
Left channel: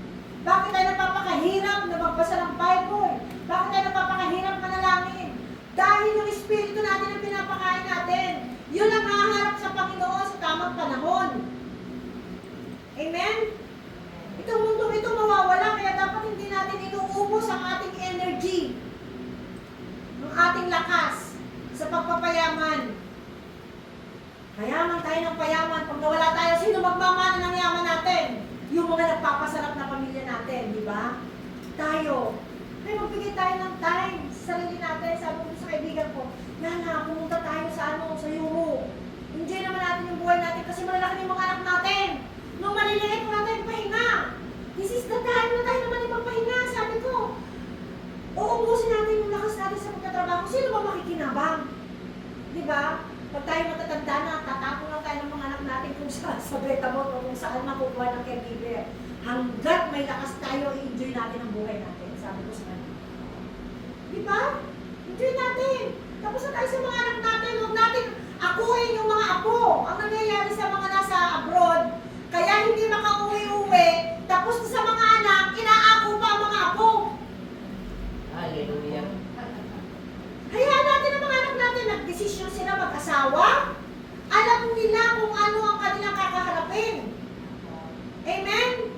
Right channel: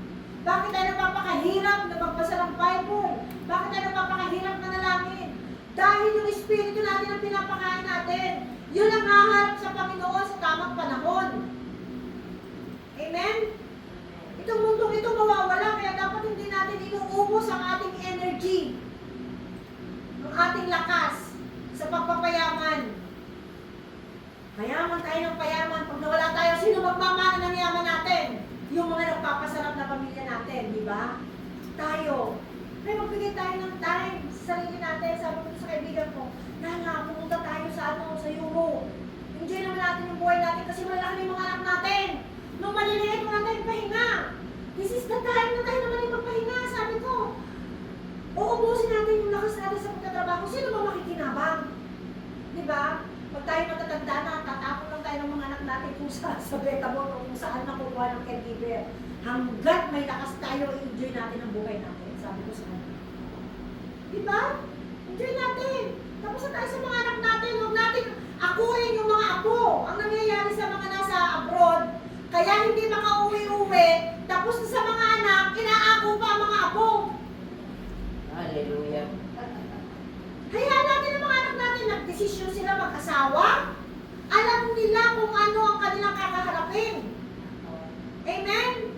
Bakit tayo napapakahirap na magbasa ng Bible? Bakit tayo napapakahirap na nalangin? Dahil yung espiritu natin ang pinapakain natin. Yun ang haharap sa Panginoon sa tamang panahon. Amen? Itong mundong ito mawawala, kaya dapat hindi natin inuubos ang ating energy, ang ating lakas sa pagpapayaman. Mayaman tayo ng payaman. Pag nawala tayo, sino magmamana ng yaman natin? Yung mga nagpapasarap na pamilya natin, di ba? Tayo. May magbigay tayo ng time sa sarili natin. Sabi ko sa kaibigan ko, Nana, pumunta tayo sa Euro. Enjoy naman natin yung buhay natin kasi malalaki na yung mga anak natin. Nung maliliit, wala tayong pahinga. This is the time na tayo naman yung magpahinga. Sabi ko, uubusin natin yung lakas natin sa pagtatrabaho. Sino ba makikinabang? Di ba? Pag tayo matatanda na, tatapon lang tayo ng mga anak natin kung sa beta mo o kung saan makukuha ng caregiver. hanggat may lakas tayo, i-enjoy natin ang buhay natin. Sabi ko sa kanya. Di ba? Enjoy natin. Tapos na tayo sa mga anak natin. Huwag natin akuin yung mga apo. Ang nangyayari sa mga nasa abroad, kaya hindi makauwi-uwi. Tapos sa mga anak, inaako pa ang mga apo. Hallelujah. Hayaan natin ang mga anak natin. Nagdesisyon sila mag-asawa. Alam nila kung ano ang kanilang kakaharapin. Amen?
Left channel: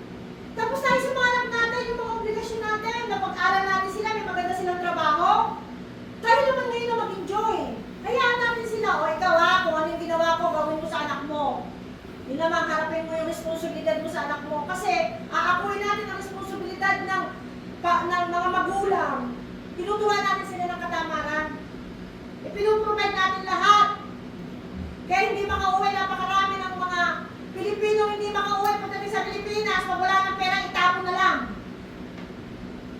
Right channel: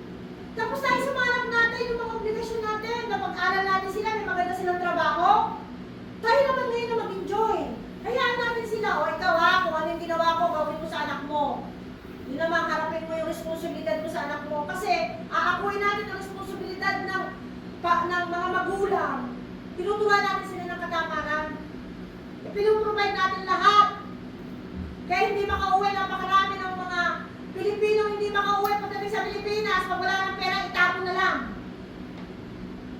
Tapos tayo sa mga anak natin, yung mga obligasyon natin, na pag-aral natin sila, may maganda silang trabaho. Tayo naman ngayon na mag-enjoy. Hayaan natin sila, o ikaw ha, kung ano yung ginawa ko, gawin mo sa anak mo. Yun naman, harapin mo yung responsibilidad mo sa anak mo. Kasi, aakuin natin ang responsibilidad ng mga magulang. Tinuturuan natin sila ng katamaran. Ipinuprovide natin lahat. Kaya hindi makauwi, napakarami ng mga Pilipino hindi makauwi pagdating sa Pilipinas. Pag wala ng pera, itapon na lang.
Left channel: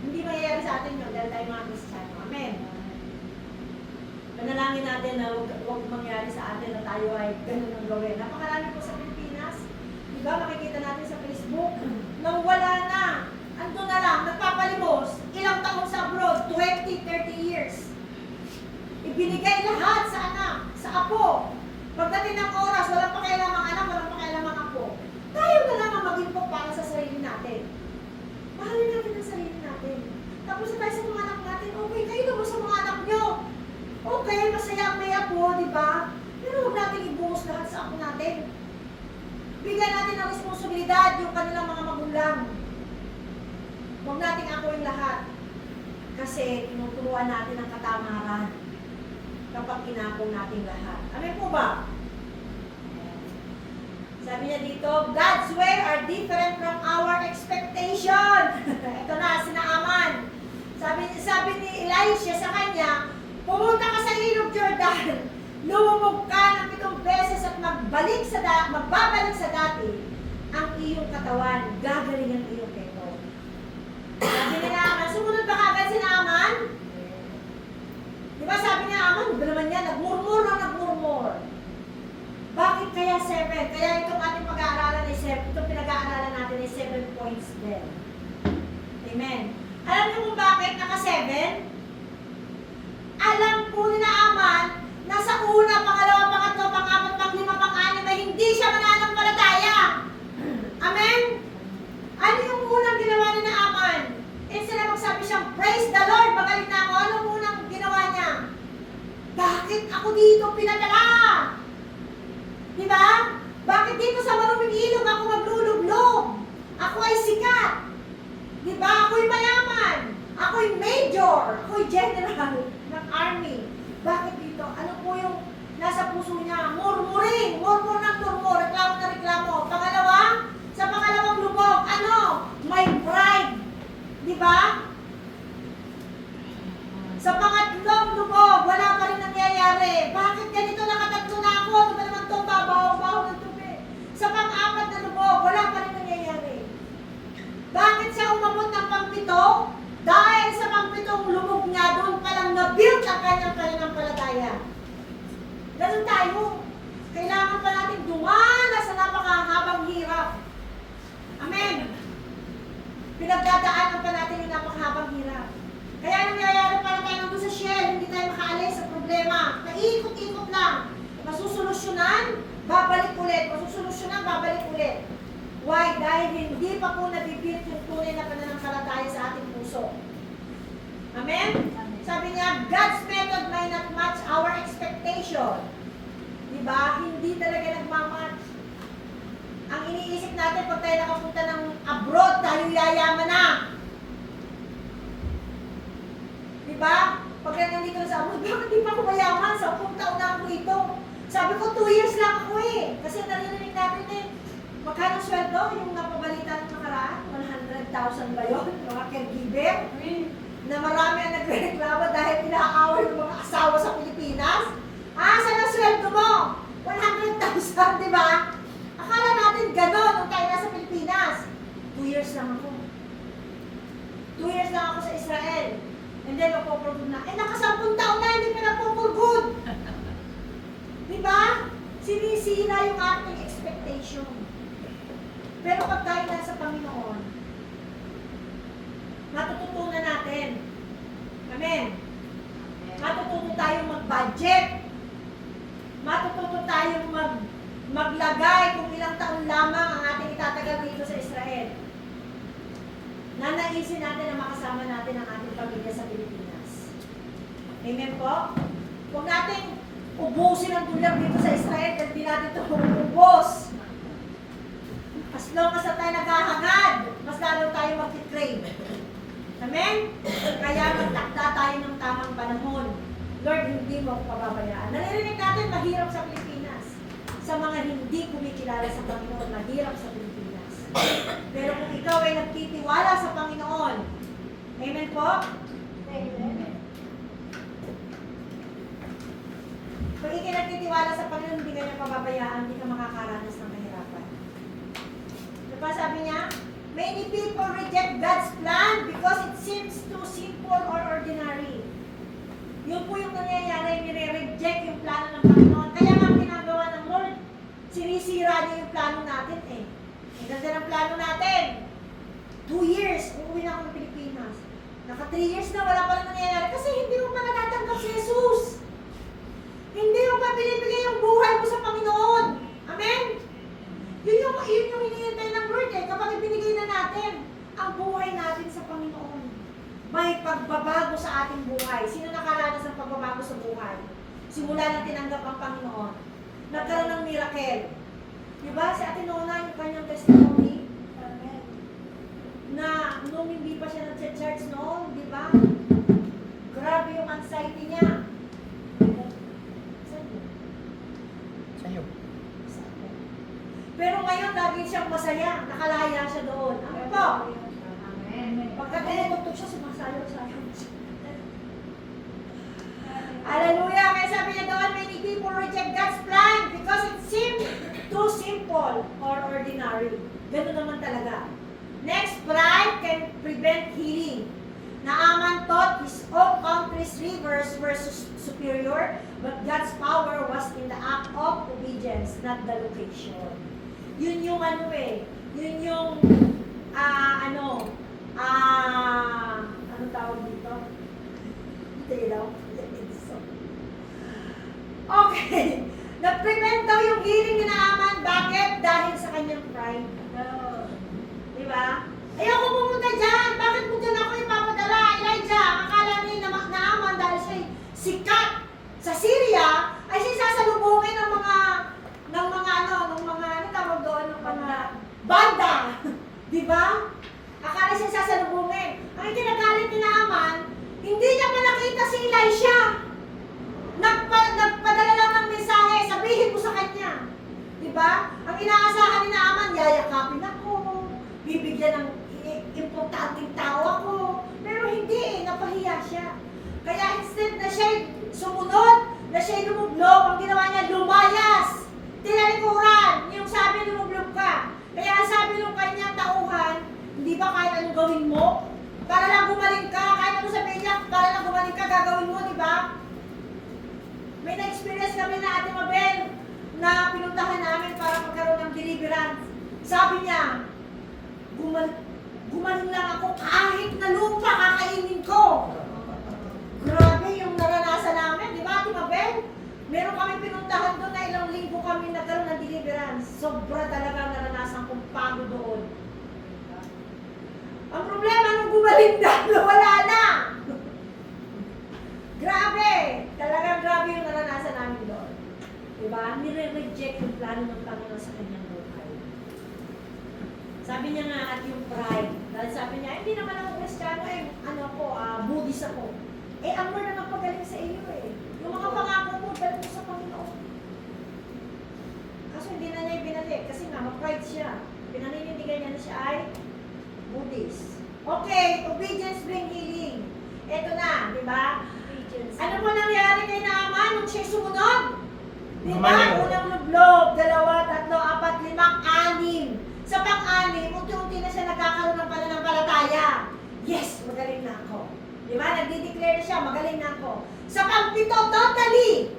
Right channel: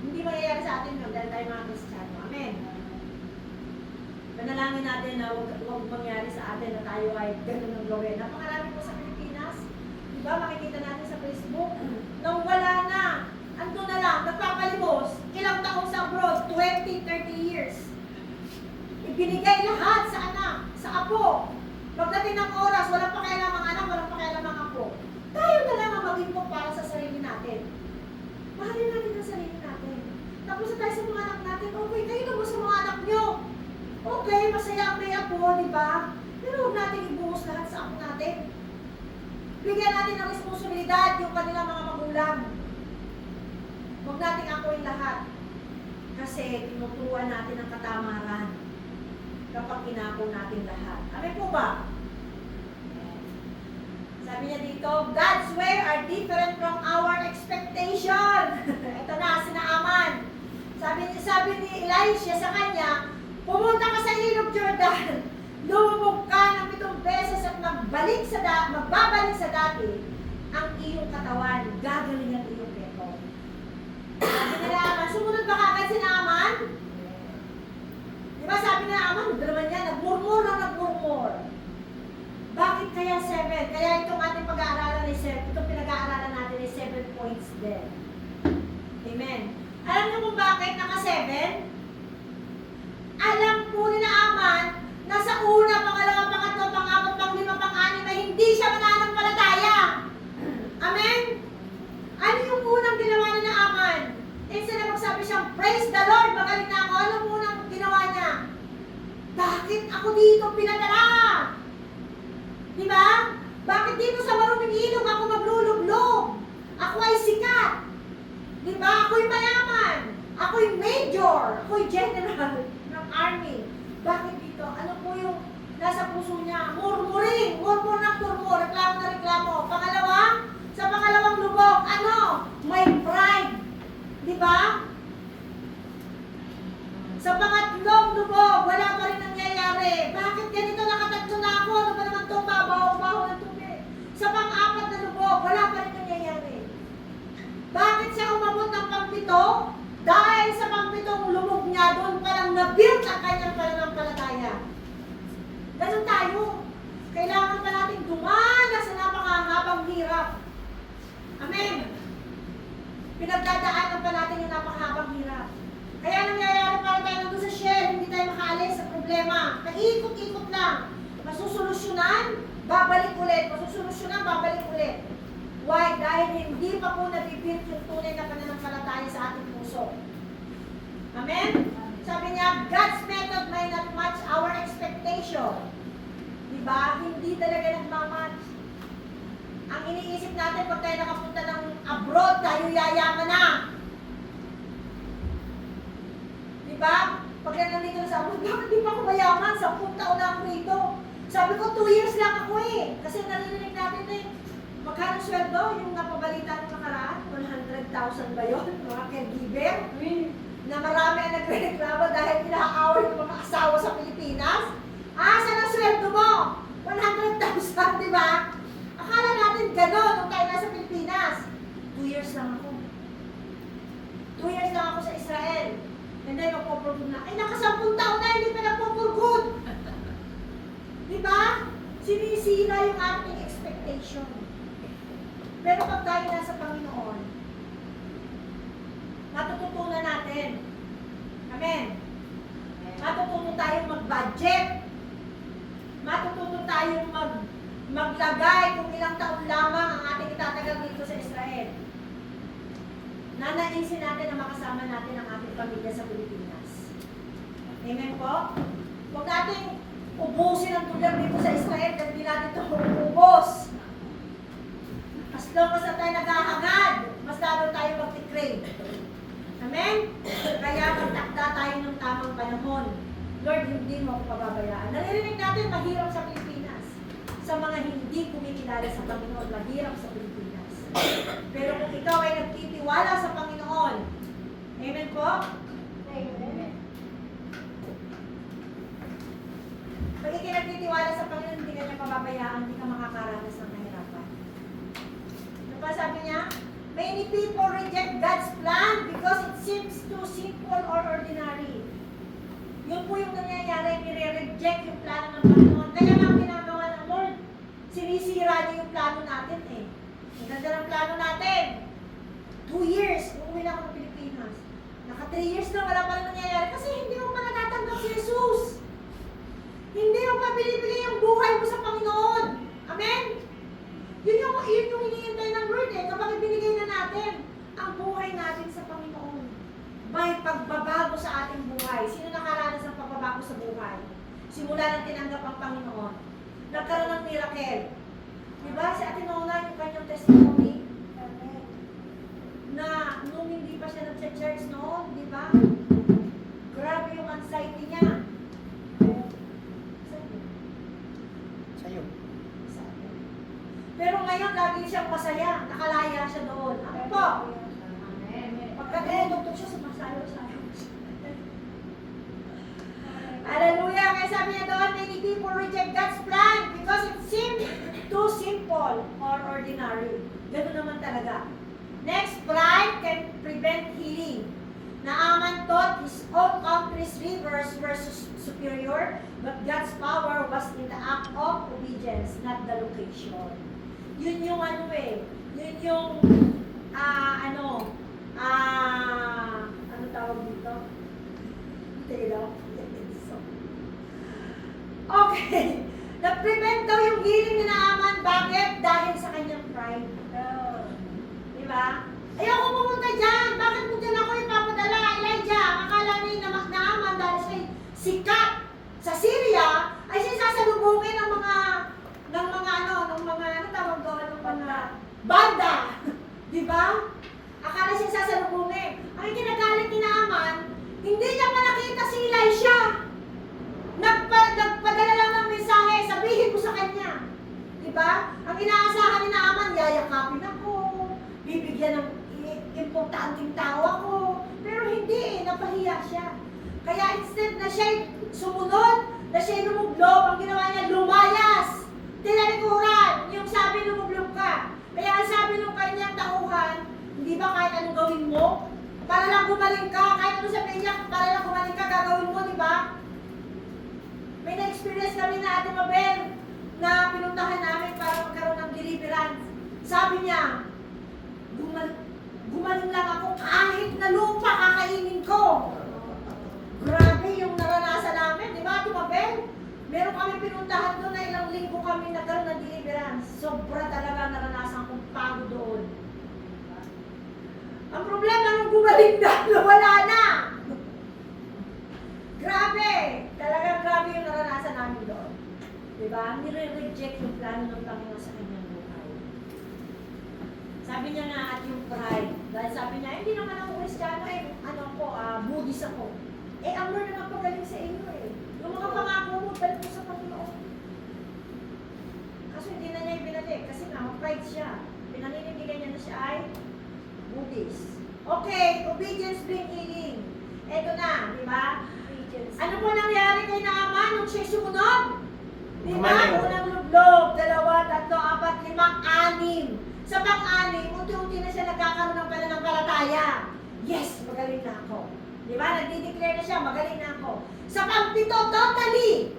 Hindi mangyayari sa atin yun dahil tayo mga Kristiyano. Amen. Panalangin natin na huwag mangyari sa atin na tayo ay ganun ng gawin. Napakarami po sa Pilipinas. Diba, makikita natin sa Facebook, nang wala na, ando na lang, nagpapalimos, ilang taong sa abroad, 20, 30 years. Ibinigay lahat sa anak, sa apo. Pagdating ng oras, walang pakialam ang anak, walang pakialam ang apo. Tayo na lang ang mag-impok para sa sarili natin. Mahalin natin ang sarili natin. Tapos tayo sa mga anak natin, okay, kayo naman sa mga anak nyo. Okay, masaya ang may apo, di ba? Pero huwag natin ibungos lahat sa apo natin. Bigyan natin ng responsibilidad yung kanilang mga magulang. Huwag natin akuin lahat. Kasi tinuturuan natin ang katamaran kapag kinako natin lahat. Amen po ba? Sabi niya dito, God's way are different from our expectation. Ito na, sinaaman. Sabi ni Elisha sa kanya, pumunta ka sa ilog Jordan, lumubog ka ng 7 beses at magbabalik sa dati ang iyong katawan, gagaling ang iyong peto. Sabi ni Naaman, sumunod ba kagad si Naaman? Diba sabi ni Naaman, ba naman yan, nagmurmur. Bakit kaya 7? Kaya itong ating pag-aaralan ay 7, itong pinag-aaralan natin ay 7 points din. Amen. Alam niyo kung bakit naka-7? Alam po ni Naaman na sa una, pangalawa, pangatlo, pang-apat, pang-lima, pang-anim ay hindi siya mananampalataya. Amen? Ano yung unang ginawa ni Naaman? Instead na magsabi siyang, praise the Lord, magaling na ako. Ano yung unang ginawa niya? Bakit ako dito pinadala? Diba? Bakit dito sa maruming ilog ako maglulublog? Ako ay sikat. Diba? Ako'y mayaman. Ako'y major. Ako'y general ng army. Bakit dito? Ano po yung nasa puso niya? Murmuring. Murmur ng murmur. Reklamo na reklamo. Pangalawa, sa pangalawang lubog, ano? May pride. Diba? Sa pangatlong lubog, wala pa rin nangyayari. Bakit ganito? Nakatatlo na ako. Ano ba naman itong babaw-baw ng tubig? Sa pang-apat na lubog, wala pa rin nangyayari. Bakit siya umabot ng pang-7? Dahil sa pang-7 lubog niya, doon palang na-build ang kanyang pananampalataya. Ganun tayo. Kailangan pa natin dumana sa napakahabang hirap. Amen. Pinagdadaanan pa natin yung napakahabang hirap. Kaya nangyayari para tayo nandun sa shell, hindi tayo makaalis sa problema. Naikot-ikot lang. Masusolusyonan, babalik ulit. Masusolusyonan, babalik ulit. Why? Dahil hindi pa po nabibuild yung tunay na pananampalataya sa ating puso. Amen? Sabi niya, God's method may not match our expectation. Diba? Hindi talaga nagmamatch. Ang iniisip natin pag tayo nakapunta ng abroad, tayo yayaman na. Diba? Pag nandito sa abroad, bakit di pa ako mayaman? 10 taon na ako dito. Sabi ko, 2 years lang ako eh. Kasi narinig natin eh. Magkano sweldo? Yung napabalita ng nakaraan? 100,000 ba yun? Mga caregiver? Na marami ang nagreklamo dahil inaaway yung mga asawa sa Pilipinas. Saan ang sweldo mo? 100,000, di ba? Akala natin gano'n nung tayo nasa Pilipinas. 2 years lang ako. 2 years lang ako sa Israel. And then magpo-for-good na. Naka-10 taon na, hindi pa nagpo-for-good. Di ba? Sinisira yung ating expectation. Pero pag tayo na sa Panginoon, matututunan natin. Amen. Matututo tayong mag-budget. Matututo tayong maglagay kung ilang taon lamang ang ating itatagal dito sa Israel. Nanaisin natin na makasama natin ang ating pamilya sa Pilipinas. Amen po? Huwag natin ubusin ang dolyar dito sa Israel dahil di natin ito ubos. As long as tayo naghahangad, mas lalo tayo mag-crave. Amen? Kaya magtakda tayo ng tamang panahon. Lord, hindi mo ako pababayaan. Naririnig natin, mahirap sa Pilipinas. Sa mga hindi kumikilala sa Panginoon, mahirap sa Pilipinas. Pero kung ikaw ay nagtitiwala sa Panginoon, amen po? Amen. Pag ikaw nagtitiwala sa Panginoon, hindi ka niya pababayaan, hindi ka makakaranas ng kahirapan. Ano pa sabi niya? Many people reject God's plan because it seems too simple or ordinary. Yun po yung nangyayari, nire-reject yung plano ng Panginoon. Kaya nga ang ginagawa ng Lord, sinisira niya yung plano natin eh. Ang ganda ng plano natin. 2 years, uuwi na ako ng Pilipinas. Naka 3 years na, wala pa lang nangyayari. Kasi hindi mo pa natatanggap si Jesus. Hindi mo pa binibigay yung buhay mo sa Panginoon. Amen? Yun yung hinihintay ng Lord eh. Kapag ibinigay na natin ang buhay natin sa Panginoon, may pagbabago sa ating buhay. Sino nakaranas ng pagbabago sa buhay? Simula nang tinanggap ang Panginoon. Nagkaroon ng miracle. Diba? Si Ate Nona, yung kanyang testimony, na nung hindi pa siya nag-church noon, di ba? Grabe yung anxiety niya. Sa'yo. Pero ngayon, lagi siyang masaya. Nakalaya siya doon. Amen po. Pagka tinutugtog siya, sumasayaw sa akin. Hallelujah! Kaya sabi niya doon, many people reject God's plan because it seems too simple or ordinary. Ganun naman talaga. Next, pride can prevent healing. Naaman thought his own country's rivers were superior, but God's power was in the act of obedience, not the location. Yun yung ano eh, yun yung ano tawag dito? Okay. Na-prevent daw yung healing ni Naaman. Bakit? Dahil sa kanyang pride. Di ba? Ayoko pumunta dyan. Bakit mo dyan ako ipapadala? Elijah, akala ni Naaman dahil siya sikat sa Syria, ay siya sasalubungin ng mga ano tawag doon, ng mga banda. Di ba? Akala siya sasalubungin. Ang kinagalit ni Naaman, hindi niya pa nakita si Elisha. Nagpadala lang ng mensahe, sabihin mo sa kanya. Di ba? Ang inaasahan ni Naaman, yayakapin ako, bibigyan ng importanteng tao ako. Pero hindi eh, napahiya siya. Kaya instead na siya sumunod, na siya lumublog, ang ginawa niya, lumayas. Tinalikuran, yung sabi lumublog ka. Kaya ang sabi ng kanyang tauhan, hindi ba kahit anong gawin mo? Para lang gumaling ka, kahit anong sabihin niya, para lang gumaling ka, gagawin mo, di ba? May na-experience kami na Ate Mabel na pinuntahan namin para magkaroon ng deliverance. Sabi niya, gumaling lang ako kahit na lupa kakainin ko. Grabe yung naranasan namin, di ba Ate Mabel? Meron kami pinuntahan doon na ilang linggo kami nagkaroon ng deliverance. Sobra talaga naranasan kong pagod doon. Ang problema nung gumaling na, wala na. Grabe! Talagang grabe yung naranasan namin doon. Diba? Nire-reject yung plano ng Panginoon sa kanyang buhay. Sabi niya nga at yung pride. Dahil sabi niya, hindi naman ako Kristiyano eh. Buddhist ako. Eh, ang Lord na magpagaling sa inyo eh. Yung mga pangako mo, balik mo sa Panginoon. Kaso hindi na niya ibinalik. Kasi nga, ma-pride siya. Pinaninindigan niya na siya ay Buddhist. Okay, obedience bring healing. Ito na, di ba? Ano po nangyari kay Naaman nung siya sumunod? Di ba? Unang lublob, 2, 3, 4, 5, 6. Sa pang-anim, unti-unti na siya nagkakaroon ng pananampalataya. Yes, magaling na ako. Di ba? Nagdi-declare na siya, magaling na ako. Sa pang-7, totally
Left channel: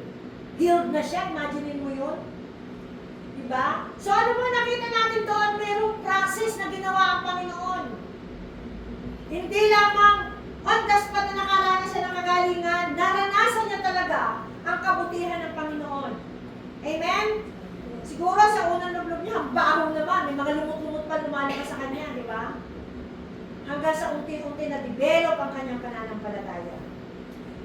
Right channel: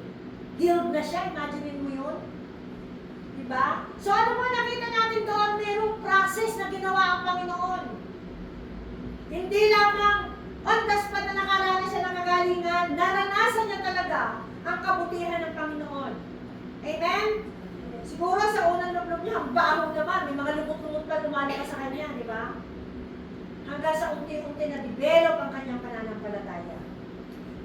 healed na siya. Imagine mo yun. Di Diba? So ano mo nakita natin doon? Merong process na ginawa ang Panginoon. Hindi lamang on the spot na nakaranas siya ng kagalingan, naranasan niya talaga ang kabutihan ng Panginoon. Amen? Siguro sa unang lublob niya, ang baho naman, may mga lumot-lumot pa lumalabas sa kanya, di ba? Hanggang sa unti-unti na develop ang kanyang pananampalataya.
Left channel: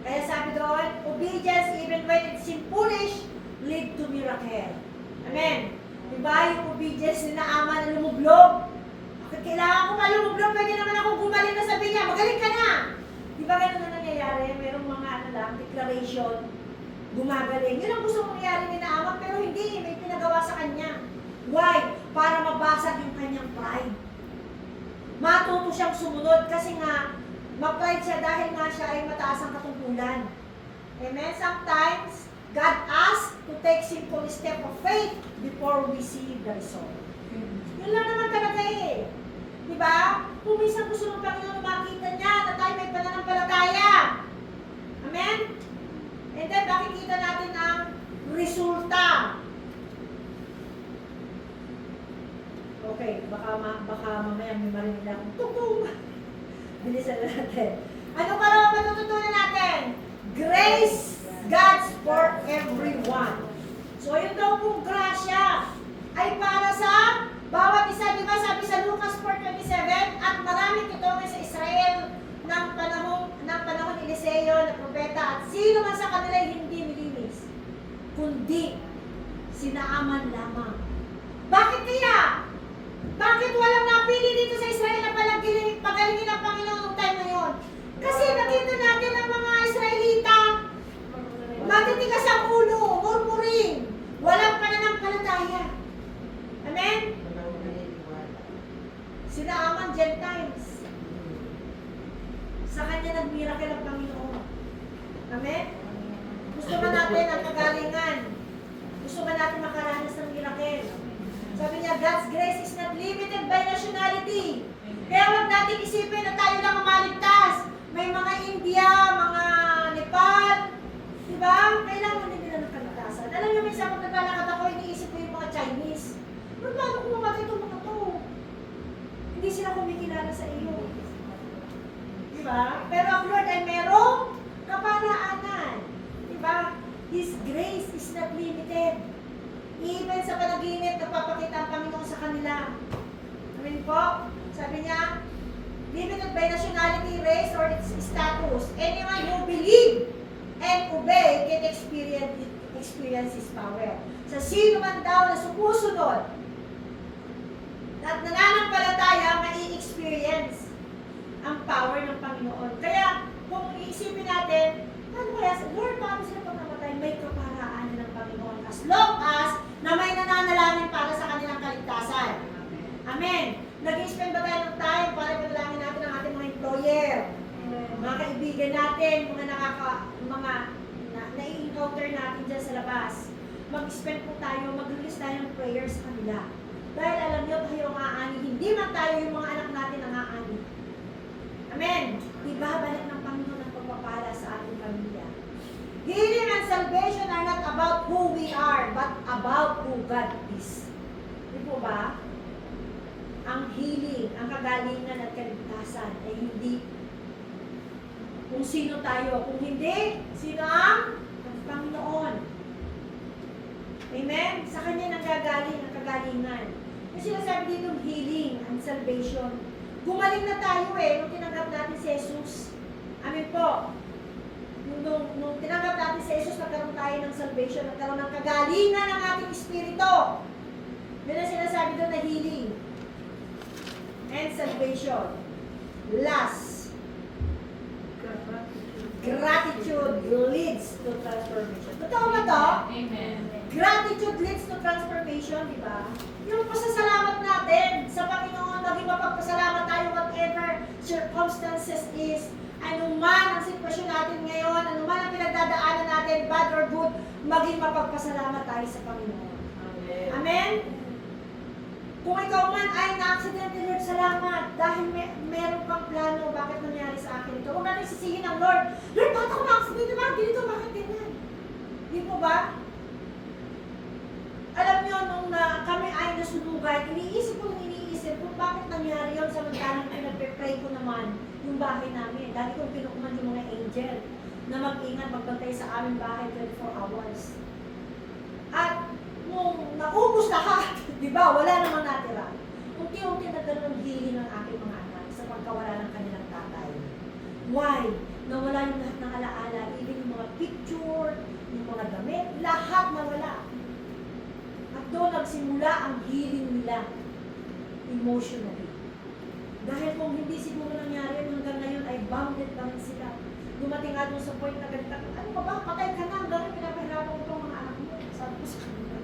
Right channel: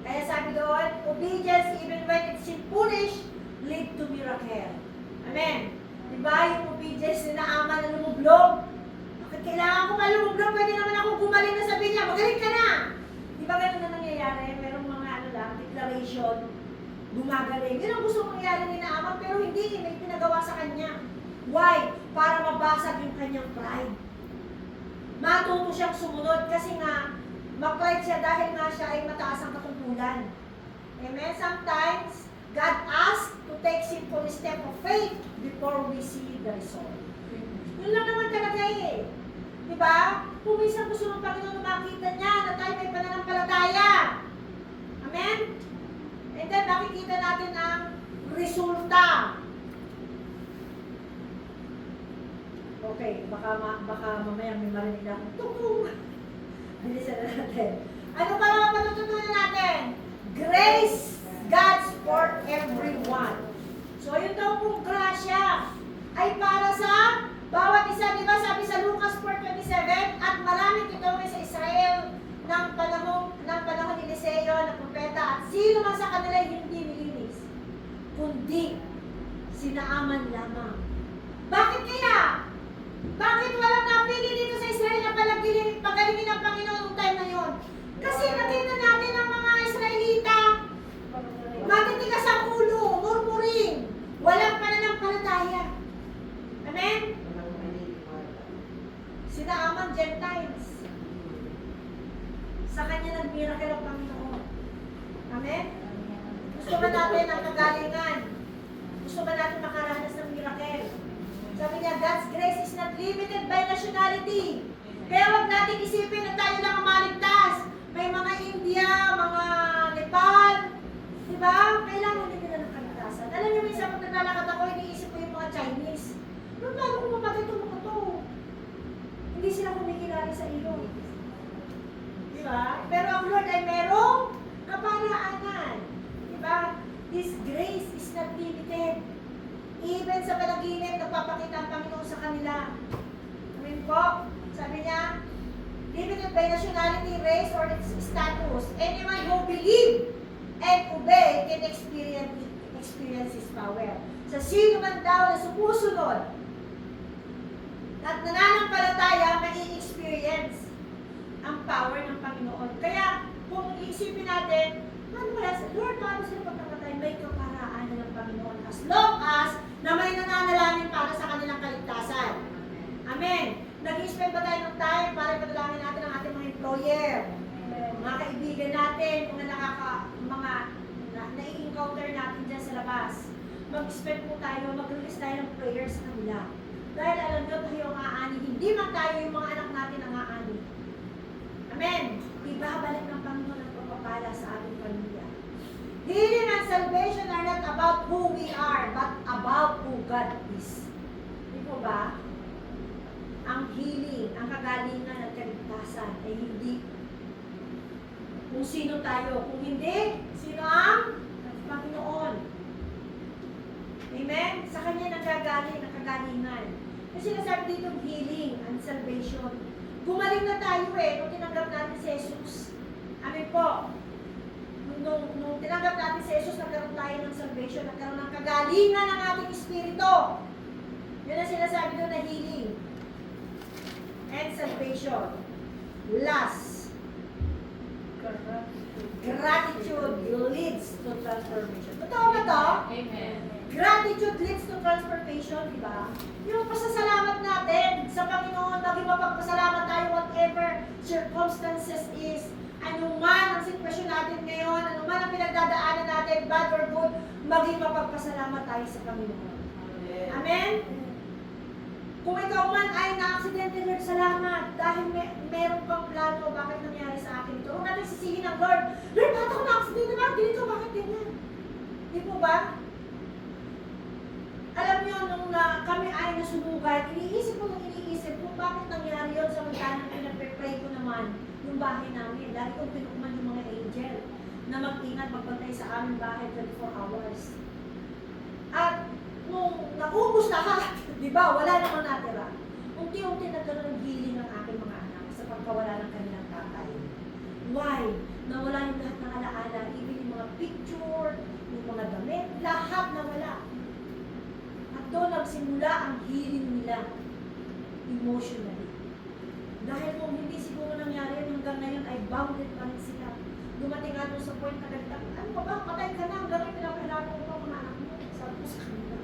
Kaya sabi doon, obedience even when it seems foolish, lead to miracle. Amen. Diba yung obedience na Naaman na lumublob? Bakit kailangan ko pa lumublob? Pwede naman ako gumaling na sabi niya, magaling ka na. Diba ganun na nangyayari? Merong mga declaration, gumagaling. Yun ang gusto mangyari ni Naaman, pero hindi, may pinagawa sa kanya. Why? Para mabasag yung kanyang pride. Matuto siyang sumunod kasi nga, mag-pride siya dahil nga siya ay mataas ang katungkulan. Amen? Sometimes, God asks to take simple step of faith before we see the result. Yun lang naman talaga eh. Diba? Kung minsan gusto ng Panginoon na makita niya na tayo may pananampalataya. Amen? And then, makikita natin ang resulta. Okay, baka mamaya may marinig lang. Tung-tung! Bilisan na natin. Ano pa naman matututunan natin? Grace God's for everyone. So, yun daw pong grasya ay para sa bawat isa. Di ba sabi sa Lucas 4:27, at maraming kitongin sa Israel ng panahon ni Eliseo na propeta, at sino man sa kanila hindi nilinis, kundi si Naaman lamang. Bakit kaya? Bakit walang napili dito sa Israel na pagalingin ng Panginoon noong time na yun? Kasi nakita natin ang mga Israelita, matitigas ang ulo, murmuring, walang pananampalataya. Amen? Si Naaman, Gentiles. Sa kanya nag-miracle ang Panginoon. Amen? Gusto ba natin ang kagalingan? Gusto ba natin makaranas ng miracle? Sabi niya, God's grace is not limited by nationality. Kaya huwag natin isipin na tayo lang ang maligtas. May mga India, mga Nepal, diba? Kailangan din nila ng kaligtasan. Alam niyo, minsan kung naglalakad ako, iniisip ko yung mga Chinese. Ba't lalo kung mamatay itong mga to? Hindi sila kumikilala sa iyo. Diba? Pero ang Lord ay merong kaparaanan. Diba? His grace is not limited. Even sa panaginip, nagpapakita ang Panginoon sa kanila. Amen po? Sabi niya, limited by nationality, race, or its status. Anyone who believe and obey can experience His power. Sa sino man daw na sumusunod at nananampalataya, may experience ang power ng Panginoon. Kaya, kung iisipin natin, paano kaya sa Lord, paano sila pagkamatay? May kaparaan ng Panginoon. As long as na may nananalangin para sa kanilang kaligtasan. Amen. Nag-spend ba tayo ng time para panalangin natin ang ating mga employer, mga kaibigan natin, mga na-encounter natin dyan sa labas. Mag-spend po tayo, mag-release tayo ng prayers sa kanila. Dahil alam nyo, tayo ang aani, hindi man tayo yung mga anak natin ang aani. Amen. Ibabalik ng Panginoon ang pagpapala sa ating pamilya. Healing and salvation are not about who we are, but about who God is. Di po ba? Ang healing, ang kagalingan at kaligtasan ay hindi kung sino tayo. Kung hindi, sino ang Panginoon. Amen? Sa Kanya nanggagaling ang kagalingan. Kasi sinasabi dito healing and salvation. Gumaling na tayo nung tinanggap natin si Jesus. Amen po. Nung tinanggap natin si Jesus, nagkaroon tayo ng salvation, nagkaroon ng kagalingan ng ating espiritu. Yun ang sinasabi doon na healing and salvation. Last, gratitude leads to transformation. Totoo ba to? Amen. Gratitude leads to transformation, di ba? Yung pasasalamat natin sa Panginoon, maging mapagpasalamat tayo whatever circumstances is, anuman ang sitwasyon natin ngayon, anuman ang pinagdadaanan natin, bad or good, maging mapagpasalamat tayo sa Panginoon. Amen. Amen? Kung ikaw man ay na-aksidente, Lord, salamat. Dahil meron kang plano, bakit nangyari sa akin ito? Huwag natin sisihin ang Lord. Lord, bakit ako na-aksidente? Bakit dito? Bakit ganyan? Di po ba? Alam niyo, nung nasunugan, iniisip kung bakit nangyari yun samantalang pinagpe-pray ko naman yung bahay namin. Dahil kong pinukuman yung mga angel na mag-ingat, magbantay sa aming bahay 24 hours. At nung naubos lahat, di ba, wala namang natira. Unti-unti nagkaroon ng healing ng aking mga anak sa pagkawala ng kanilang tatay. Why? Nawala yung lahat ng alaala, even yung mga picture, yung mga damit, lahat nawala. At doon nagsimula ang healing nila emotionally. Dahil kung hindi siguro nangyari hanggang ngayon ay bounded pa rin sila. Dumating nga doon sa point na ganito, ano ba ba, patay ka na, hanggang pinapahirapan ko mga anak mo. Sabi ko sa kanila.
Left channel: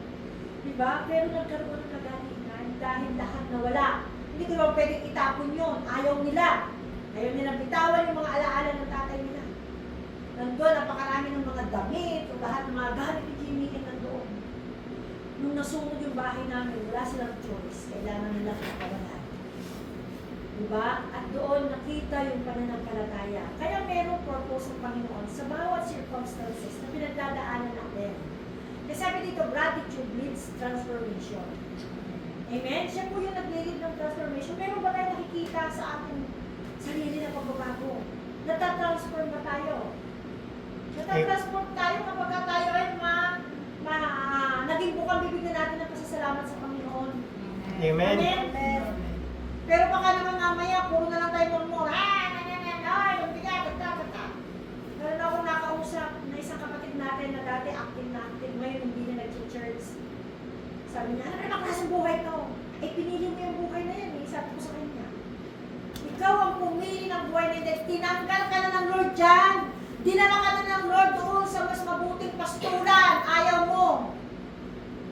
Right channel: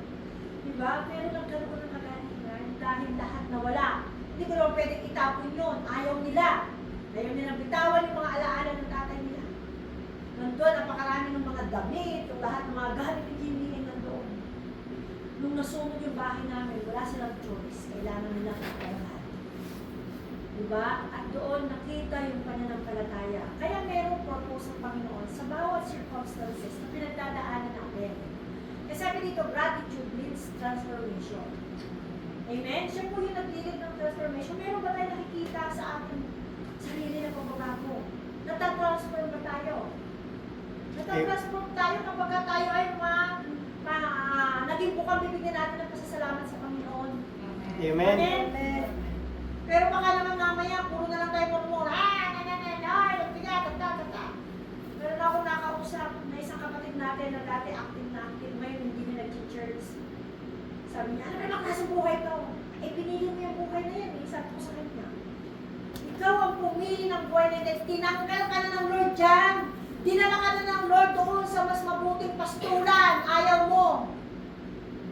Diba? Pero nagkaroon ng kagalingan dahil lahat nawala. Hindi ko naman pwedeng itapon yun. Ayaw nila. Ayaw nilang bitawan yung mga alaala ng tatay nila. Nandun, napakarami ng mga damit, o lahat ng mga gamit ni Jimmy ay nandoon. Nung nasunod yung bahay namin, wala silang choice. Kailangan nila kapalahan. Diba? At doon nakita yung pananampalataya. Kaya merong purpose ng Panginoon sa bawat circumstances na pinagdadaanan natin. Kasi sabi dito, gratitude leads transformation. Amen? Siya po yung nag-lead ng transformation. Meron ba tayo nakikita sa ating sarili na pagbabago? Natatransform ba tayo? Natatransform tayo kapag tayo ay naging bukang bibigyan natin ng pasasalamat sa Panginoon. Amen. Amen. Pero baka naman mamaya, puro na lang tayo murmura. Meron akong nakausap na isang kapatid natin na dati active na active, ngayon hindi na nag-church. Sabi niya, ano naman klaseng buhay to? Eh, pinili mo yung buhay na yan. Sabi ko sa kanya, ikaw ang pumili ng buhay na yan. Tinanggal ka na ng Lord dyan. Dinala ka na ng Lord doon sa mas mabuting pastulan. Ayaw mo.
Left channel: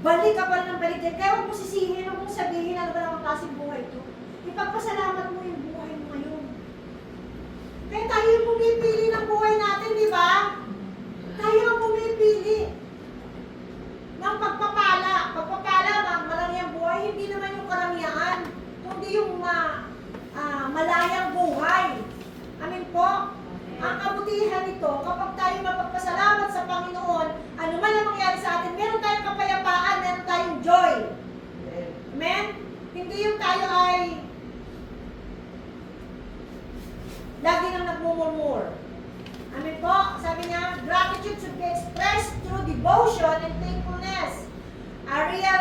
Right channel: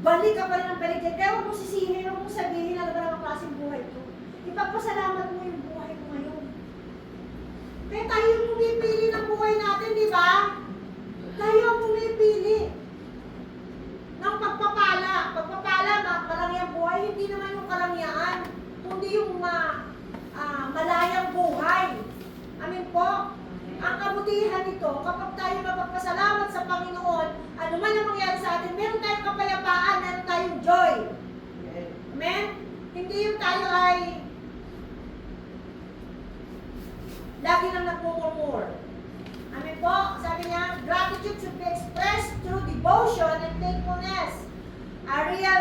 Balik ka pa rin ng balik dyan. Kaya huwag mo sisihin, huwag mong sabihin ano ba naman klaseng buhay to. Ipagpasalamat mo yung buhay mo ngayon. Kaya tayo yung pumipili ng buhay natin, di ba? Tayo ang pumipili ng pagpapala. Pagpapala, malangyang buhay, hindi naman yung kalangyaan, kundi yung malayang buhay. Amin po? Ang kabutihan nito, kapag tayo mapagpasalamat sa Panginoon, ano man ang mangyari sa atin, meron tayong kapayapaan, meron tayong joy. Amen? Hindi yung tayo ay lagi nang nagmumurmur. Amen po? Sabi niya, gratitude should be expressed through devotion and thankfulness. A real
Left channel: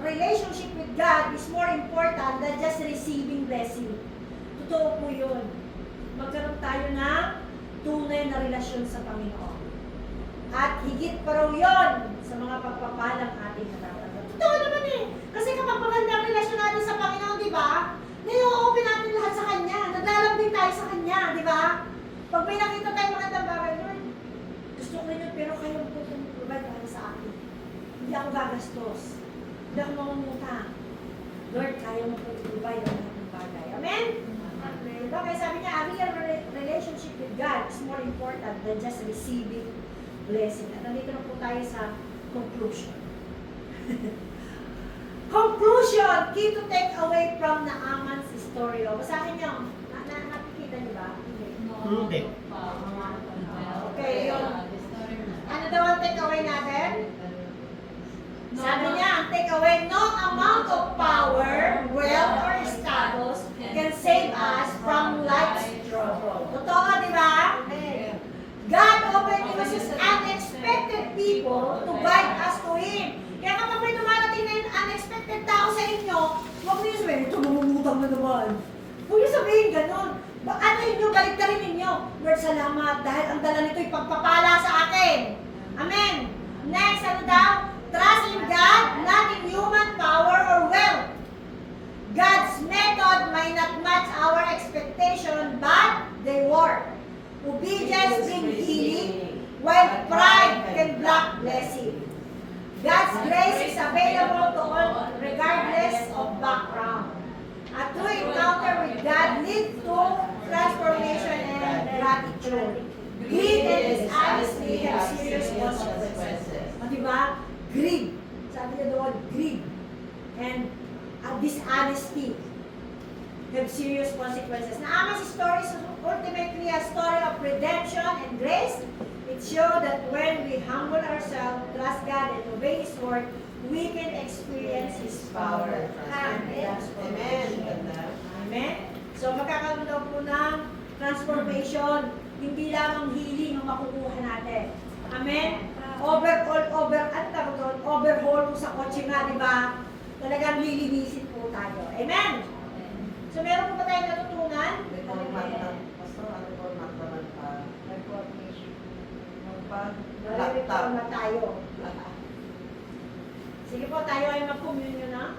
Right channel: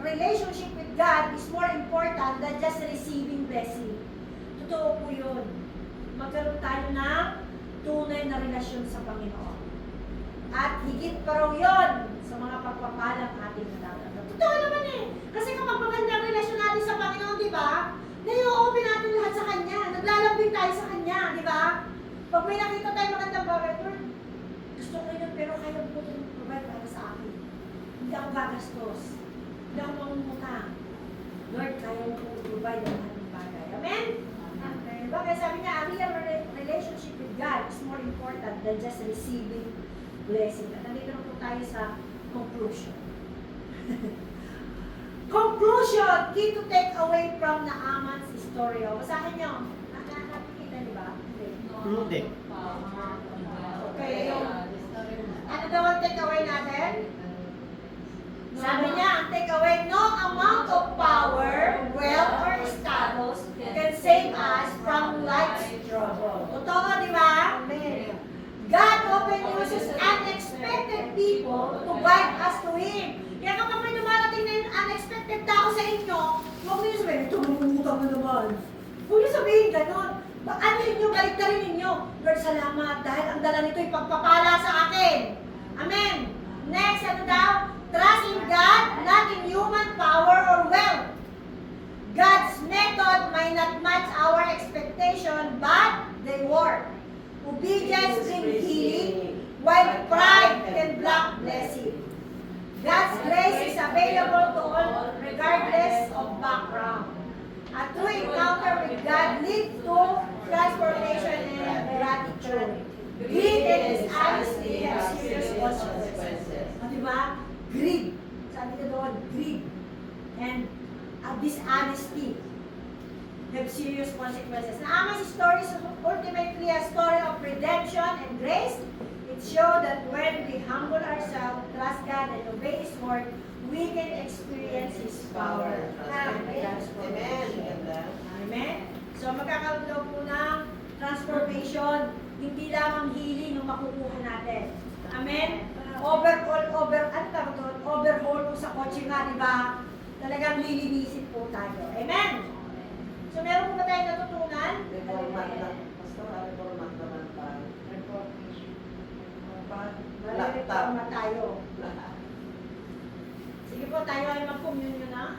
relationship with God is more important than just receiving blessing. Totoo po yun. Magkaroon tayo ng tunay na relasyon sa Panginoon. At higit pa raw yun sa mga pagpapalang ating natatanggap. Totoo naman eh. Kasi kapag maganda ang relasyon natin sa Panginoon, di ba? Nai-open natin lahat sa Kanya. Naglalambing tayo sa Kanya, di ba? Pag may nakita tayo magandang bagay, Lord, gusto ko yun, pero kayo po provide kayo sa akin. Hindi ako gagastos. Hindi ako mangungutang. Lord, kaya mo po provide ang lahat ng bagay. Amen? Amen. Diba? Kaya sabi niya, a real relationship with God is more important than just receiving blessing. At nandito na po tayo sa conclusion. Conclusion, key to take away from Naaman's story. O, basahin niyo. Nakikita niyo ba? Hindi. Okay, yun. Ano daw ang take away natin? Sabi niya, ang take away, no amount of power, wealth, or status can save us from life's trouble. Totoo, di ba? God often uses unexpected people to guide us to Him. Kaya kapag may dumarating na yung unexpected tao sa inyo, huwag niyo sabihin, ito mamumutang na naman. Huwag niyo sabihin ganun. Ano yung galit-galit ninyo? Lord, salamat dahil ang dala nito ay pagpapala sa akin. Amen. Next, ano daw? Trust in God, not in human power or wealth. God's method may not match our expectation, but they work. Obedience brings healing, while pride can block blessing. God's grace is available to all regardless of background. A true encounter with God leads to transformation and gratitude. Greed and dishonesty have serious consequences. Diba? Greed. Sabi niya doon, greed. And dishonesty have serious consequences. Naaman's story is ultimately a story of redemption and grace. It shows that when we humble ourselves, trust God, and obey His word, we can experience His power. Amen. Amen. Ganda. Amen? So magkakaroon daw po ng transformation, hindi lamang healing ang makukuha natin. Amen? Overhaul po sa kotse nga, di ba? Talagang lilinisin po tayo. Amen? So meron po ba tayong natutunan? Reformat lang. Pastor, reformat naman pa. Nare-reforma tayo. Sige po, tayo ay mag-communion na.